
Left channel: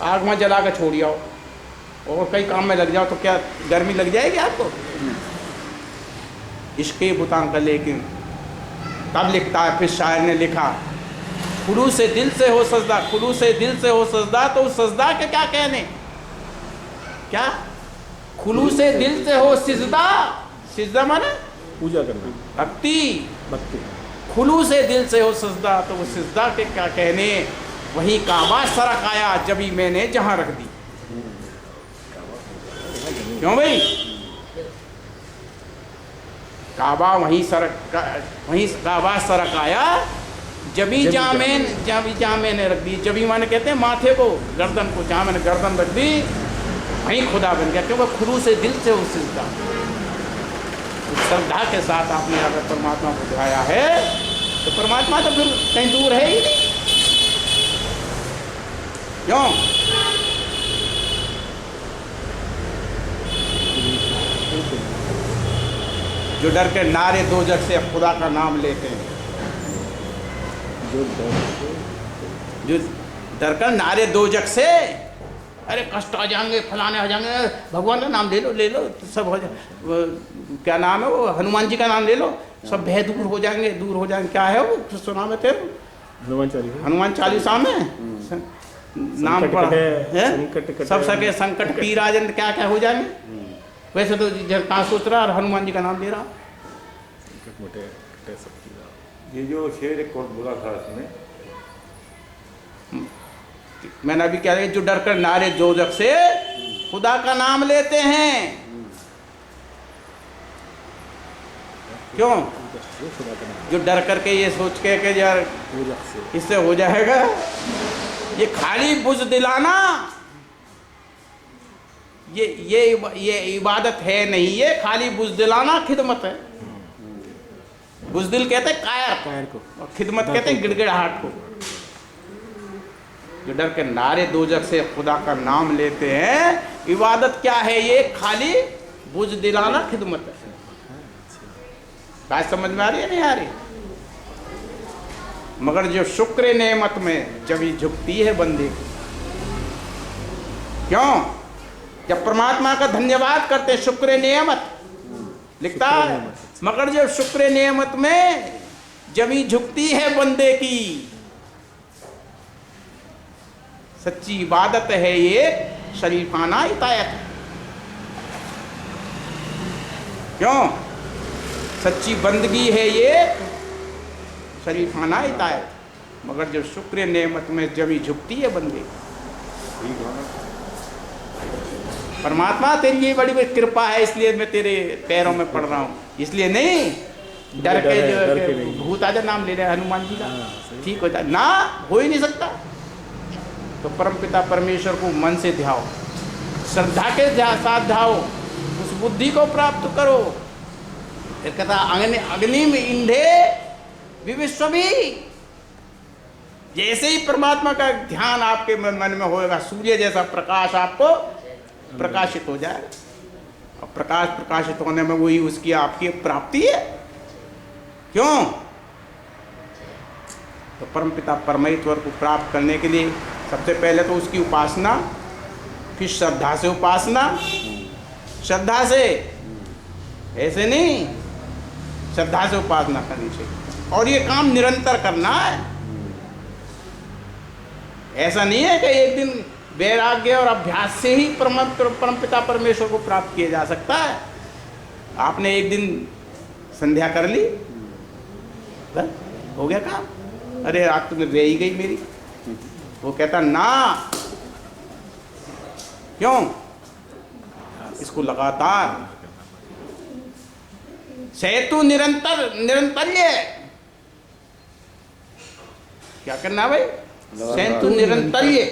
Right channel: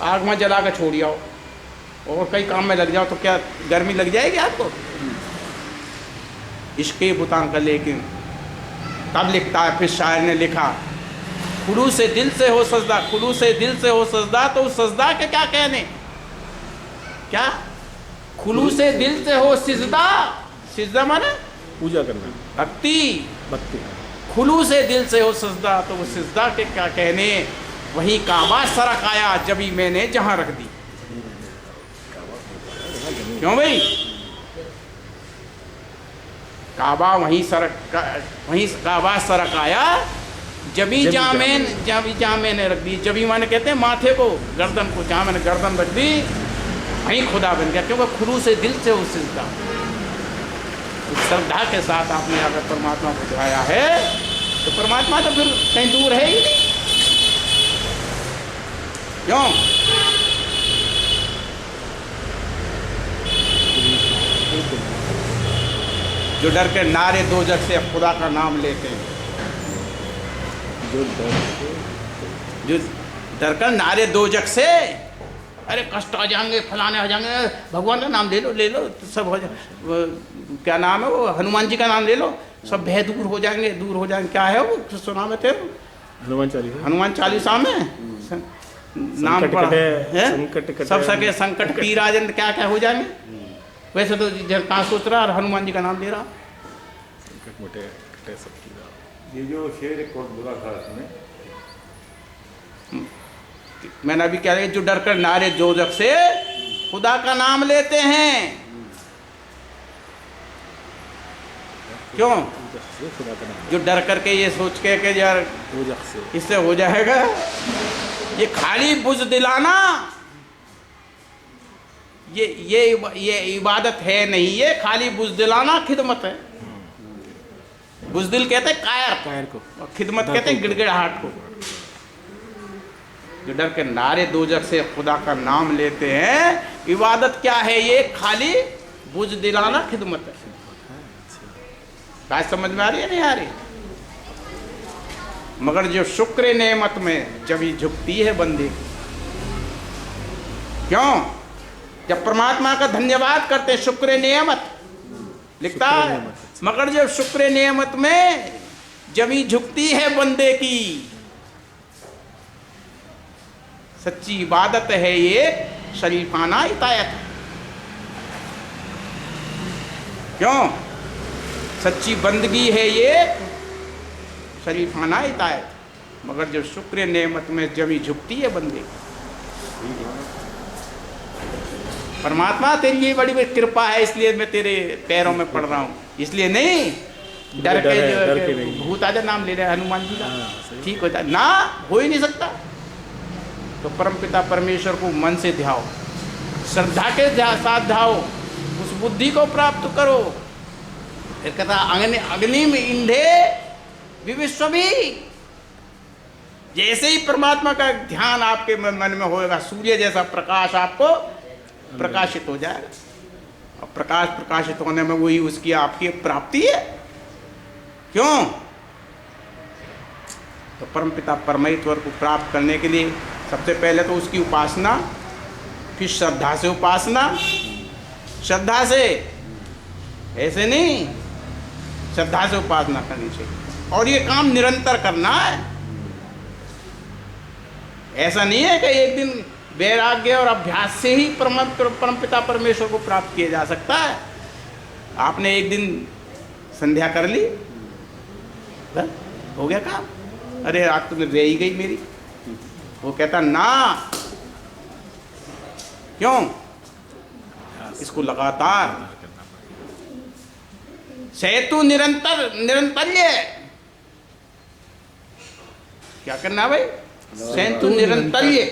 आग में जला कर छोड़ आओ और कई काम में लग जाओ तो क्या गर्मी लग जाएगी आपको? इश्के बुतां का लेकिन। तब लिखता है, फिर शायर ने लिखा, खुलू से दिल से हो सजदा, खुलू से दिल से हो सजदा, तो उस सजदा के क्या कहने? क्या? खुलू से दिल से हो सिजदा, सिजदा माने पूजा करना, भक्ति। भक्ति। खुलू से दिल से हो सजदा, तो वो सिजदा के क्या कहने? वही काबा सरक आया जबी मैंने जहां रख दी। क्यों भाई? काबा वहीं काबा सरक आया जबी जहाँ मैंने रख दी। जबी माने कहते हैं माथे को, गर्दन को, जहाँ मैंने गर्दन रख दी वहीं खुदा बन गया। क्योंकि खुलू से दिल से उस सिजदा, श्रद्धा के साथ आपने अगर परमात्मा को ध्याया है तो परमात्मा तो फिर कहीं दूर है ही नहीं। क्यों? जो डर के नारे दो जग से खुदा का नाम लेते हैं, जो डर कर नारे दो जग से, अरे कष्ट आ जाएंगे, फलाने आ जाएंगे, भगवान का नाम ले लो तो सब हो जाए। क्या नाम है वो? हनुमान जी का नाम ले लो, सब भय दूर हो जाएंगे। क्या है वो सुना में थे? हनुमान चालीसा में नाम पढ़ा है, सब सके संकट पी राजन, क्या क्या हो जाएंगे। वैसे तो कहाँ सोच रहा और हनुमान जी का नाम ले रहा। ये जो शेर एक कौन बोला था इसमें, मैंने अभी क्या, जो डर कर नारे दो जग से खुदा का नाम लेते हैं। क्यों? जो डर करके ये सोच के कि यार इससे हो जाएगा, ये खाली बुझ दिलाना ये इबादत है नहीं, ये खाली बुज़दिलाना खिदमत है। बुज़दिल कहते हैं कायर को, और खिदमत कहते हैं गिड़गिड़ाहट को। जो डर के नारे दोजख से खुदा का नाम लेते हैं, इबादत क्या है? ये खाली बुज़दिलाना खिदमत है। बात समझ में आ रही है नहीं आ रही? मगर जो शुक्र नेमत में जब झुकती है बंदे, क्यों? जब परमात्मा का धन्यवाद करते हैं, शुक्र नेमत लिखता है, मगर जब शुक्र नेमत में जब झुकती है बंदे की, सच्ची इबादत है ये, शरीफाना इतायत है। क्यों? सच्ची बंदगी है ये, शरीफाना इतायत। मगर जब शुक्र नेमत में जब झुकती है बंदे की, परमात्मा तेरी ये बड़ी बड़ी कृपा है, इसलिए मैं तेरे पैरों में पड़ रहा हूँ, इसलिए नहीं डर के जो भूत आजा नाम ले रहे हनुमान जी का, ठीक हो जाए ना, हो ही नहीं सकता। तो परमपिता परमेश्वर को मन से ध्याओ, श्रद्धा के साथ ध्याओ, उस बुद्धि को प्राप्त करो। फिर कहता अग्नि में इंधे विविश्वमी, जैसे ही परमात्मा का ध्यान आपके मन में होएगा, सूर्य जैसा प्रकाश आपको प्रकाशित हो जाएगा। और प्रकाश प्रकाशित होने में वही उसकी आपकी प्राप्ति है। क्यों? तो परमपिता परमेश्वर को प्राप्त करने के लिए सबसे पहले तो उसकी उपासना, फिर श्रद्धा से उपासना, श्रद्धा से, ऐसे नहीं, श्रद्धा से उपासना करनी चाहिए। और ये काम निरंतर करना है। ऐसा नहीं है कि एक दिन वैराग्य और अभ्यास से ही परमपिता परमेश्वर को प्राप्त किया जा सकता है। आपने एक दिन संध्या कर ली, बस हो गया काम। अरे रात तुमने रह ही गई मेरी, वो कहता ना, क्यों? इसको लगातार सेतु निरंतर्य, क्या करना भाई? सेतु निरंतर्य।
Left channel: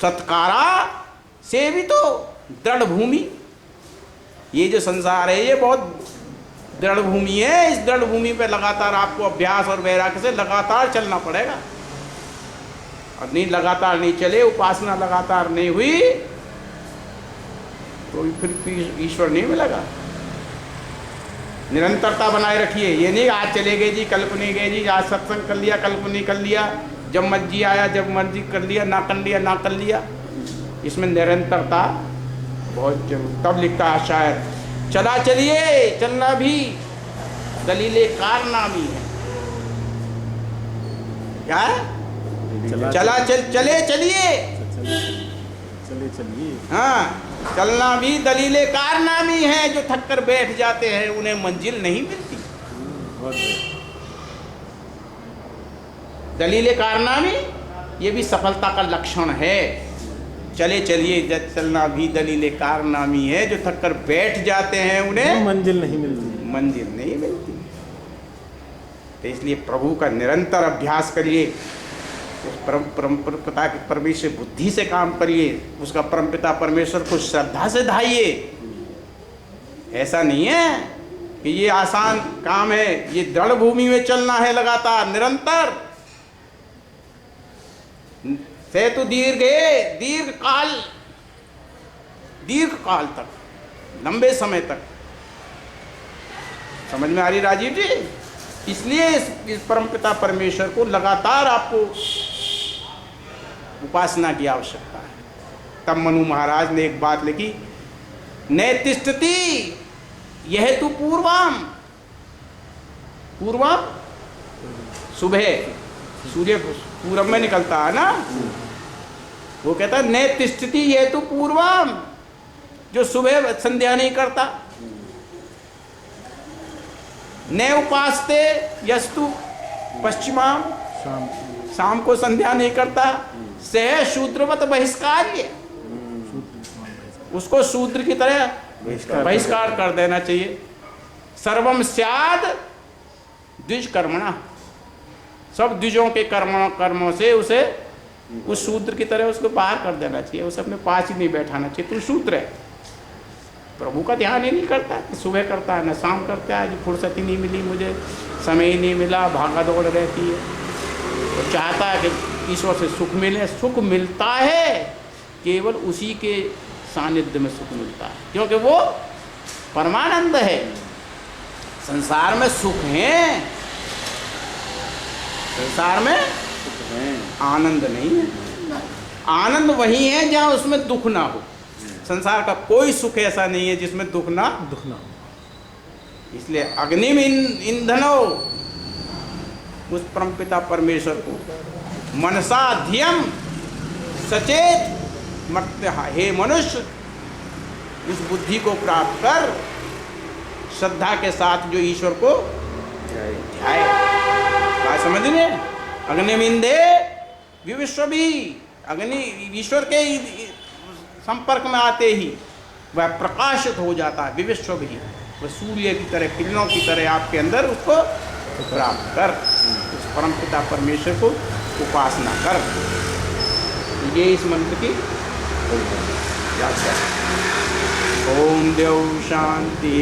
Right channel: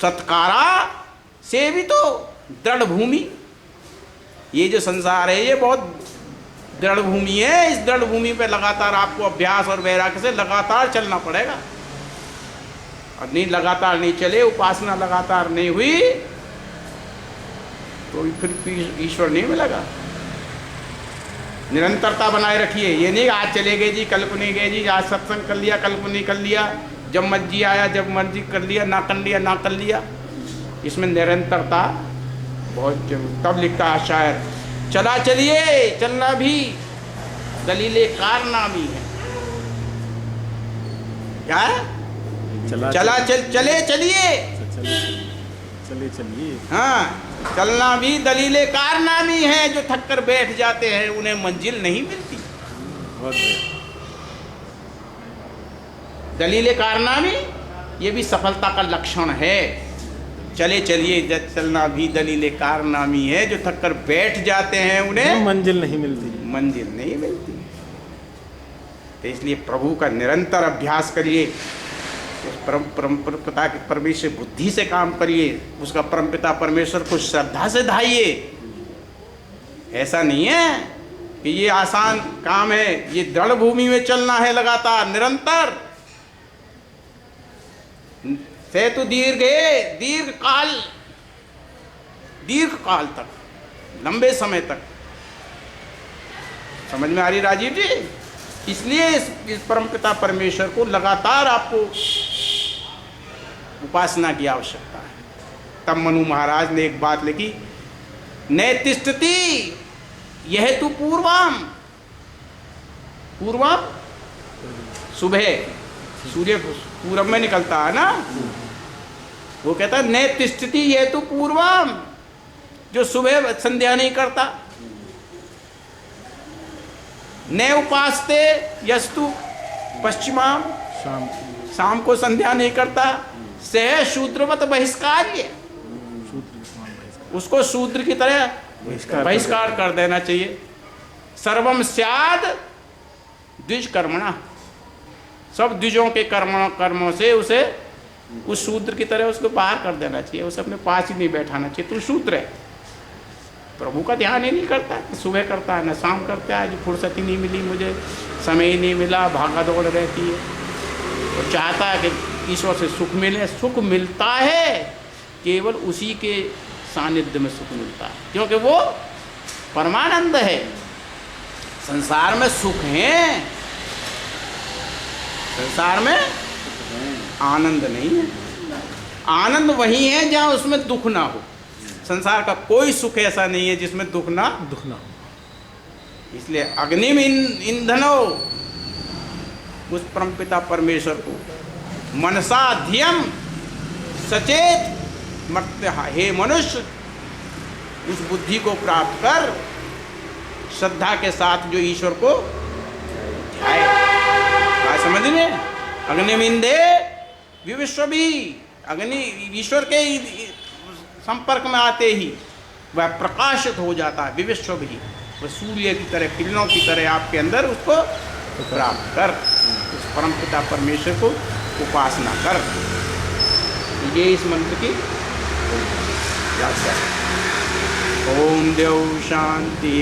सत्कारा से भी तो दृढ़ भूमि, ये जो संसार है ये बहुत दृढ़ भूमि है। इस दृढ़ भूमि पे लगातार आपको अभ्यास और वैराग्य से लगातार चलना पड़ेगा। और नहीं, लगातार नहीं चले, उपासना लगातार नहीं हुई, तो फिर ईश्वर नहीं मिलेगा। निरंतरता बनाए रखिए। ये नहीं आज चले गए जी, कल को नहीं गए जी, आज सत्संग कर लिया, कल को नहीं कर लिया, जब मर्जी आया जब मर्जी कर लिया, ना कर लिया ना कर लिया। इसमें निरंतरता बहुत जरूर। तब लिखता है शायर, चला चलिए चलना भी दलीले कारनामी है। क्या है? चला चले चलिए, हाँ, चलना भी दलीले कारनामी है। जो थक कर बैठ जाते हैं उन्हें मंजिल नहीं मिलती। दलीले कारनामी ये भी सफलता का लक्षण है। चले चलिए चलना भी दलीले कारनामी है। जो थक कर बैठ जाते हैं उन्हें मंजिल नहीं मिलती। तो इसलिए प्रभु का निरंतर अभ्यास करिए, उस परमपिता की परमेश्वर बुद्धि से काम करिए, उसका परमपिता परमेश्वर को श्रद्धा से धाइए। ऐसा नहीं है कि ये आसान काम है, ये दृढ़ भूमि में चलना है लगातार निरंतर। सेतु दीर्घ काल तक, लंबे समय तक। समझ में आ रही राजीव जी? इसलिए इस परमपिता परमेश्वर को लगातार आपको उपासना की आवश्यकता है। तब मनु महाराज ने एक बात लिखी, नैतिष्ठति यह तो पूर्वम सुबह सूर्य पूरब में निकलता है ना, वो कहता है नैतिष्ठति यह तो पूर्वम, जो सुबह संध्या नहीं करता। न उपासते यस्तु पश्चिमाम, शाम को संध्या नहीं करता। सह शूद्रवत बहिष्कार्य, उसको शूद्र की तरह बहिष्कार कर देना चाहिए। सर्वम स्याद द्विजकर्मणा, सब द्विजों के कर्मों से उसे उस शूद्र की तरह उसको बाहर कर देना चाहिए, उसे अपने पास ही नहीं बैठाना चाहिए। तू शूद्र है, प्रभु का ध्यान ही नहीं करता है, सुबह करता है न शाम करता है, आज फुर्सत ही नहीं मिली, मुझे समय ही नहीं मिला, भागा दौड़ रहती है। तो चाहता है कि ईश्वर से सुख मिले। सुख मिलता है केवल उसी के सानिध्य में सुख मिलता है, क्योंकि वो परमानंद है। संसार में सुख है, संसार में आनंद नहीं है। आनंद वही है जहाँ उसमें दुख ना हो। संसार का कोई सुख ऐसा नहीं है जिसमें दुख ना हो। इसलिए अग्नि में ईंधनो, उस परमपिता परमेश्वर को मनसा धियम सचेत मर्त्य, हे मनुष्य उस बुद्धि को प्राप्त कर, श्रद्धा के साथ जो ईश्वर को ध्याए। बात समझ में? अग्निमिंदे विविश्व भी, अग्नि ईश्वर के संपर्क में आते ही वह प्रकाशित हो जाता है। विविश्व भी, वह सूर्य की तरह, किरणों की तरह आपके अंदर उसको प्राप्त कर, उस परमपिता परमेश्वर को उपासना कर। ये इस मंत्र की व्याख्या। ओम देव शांति।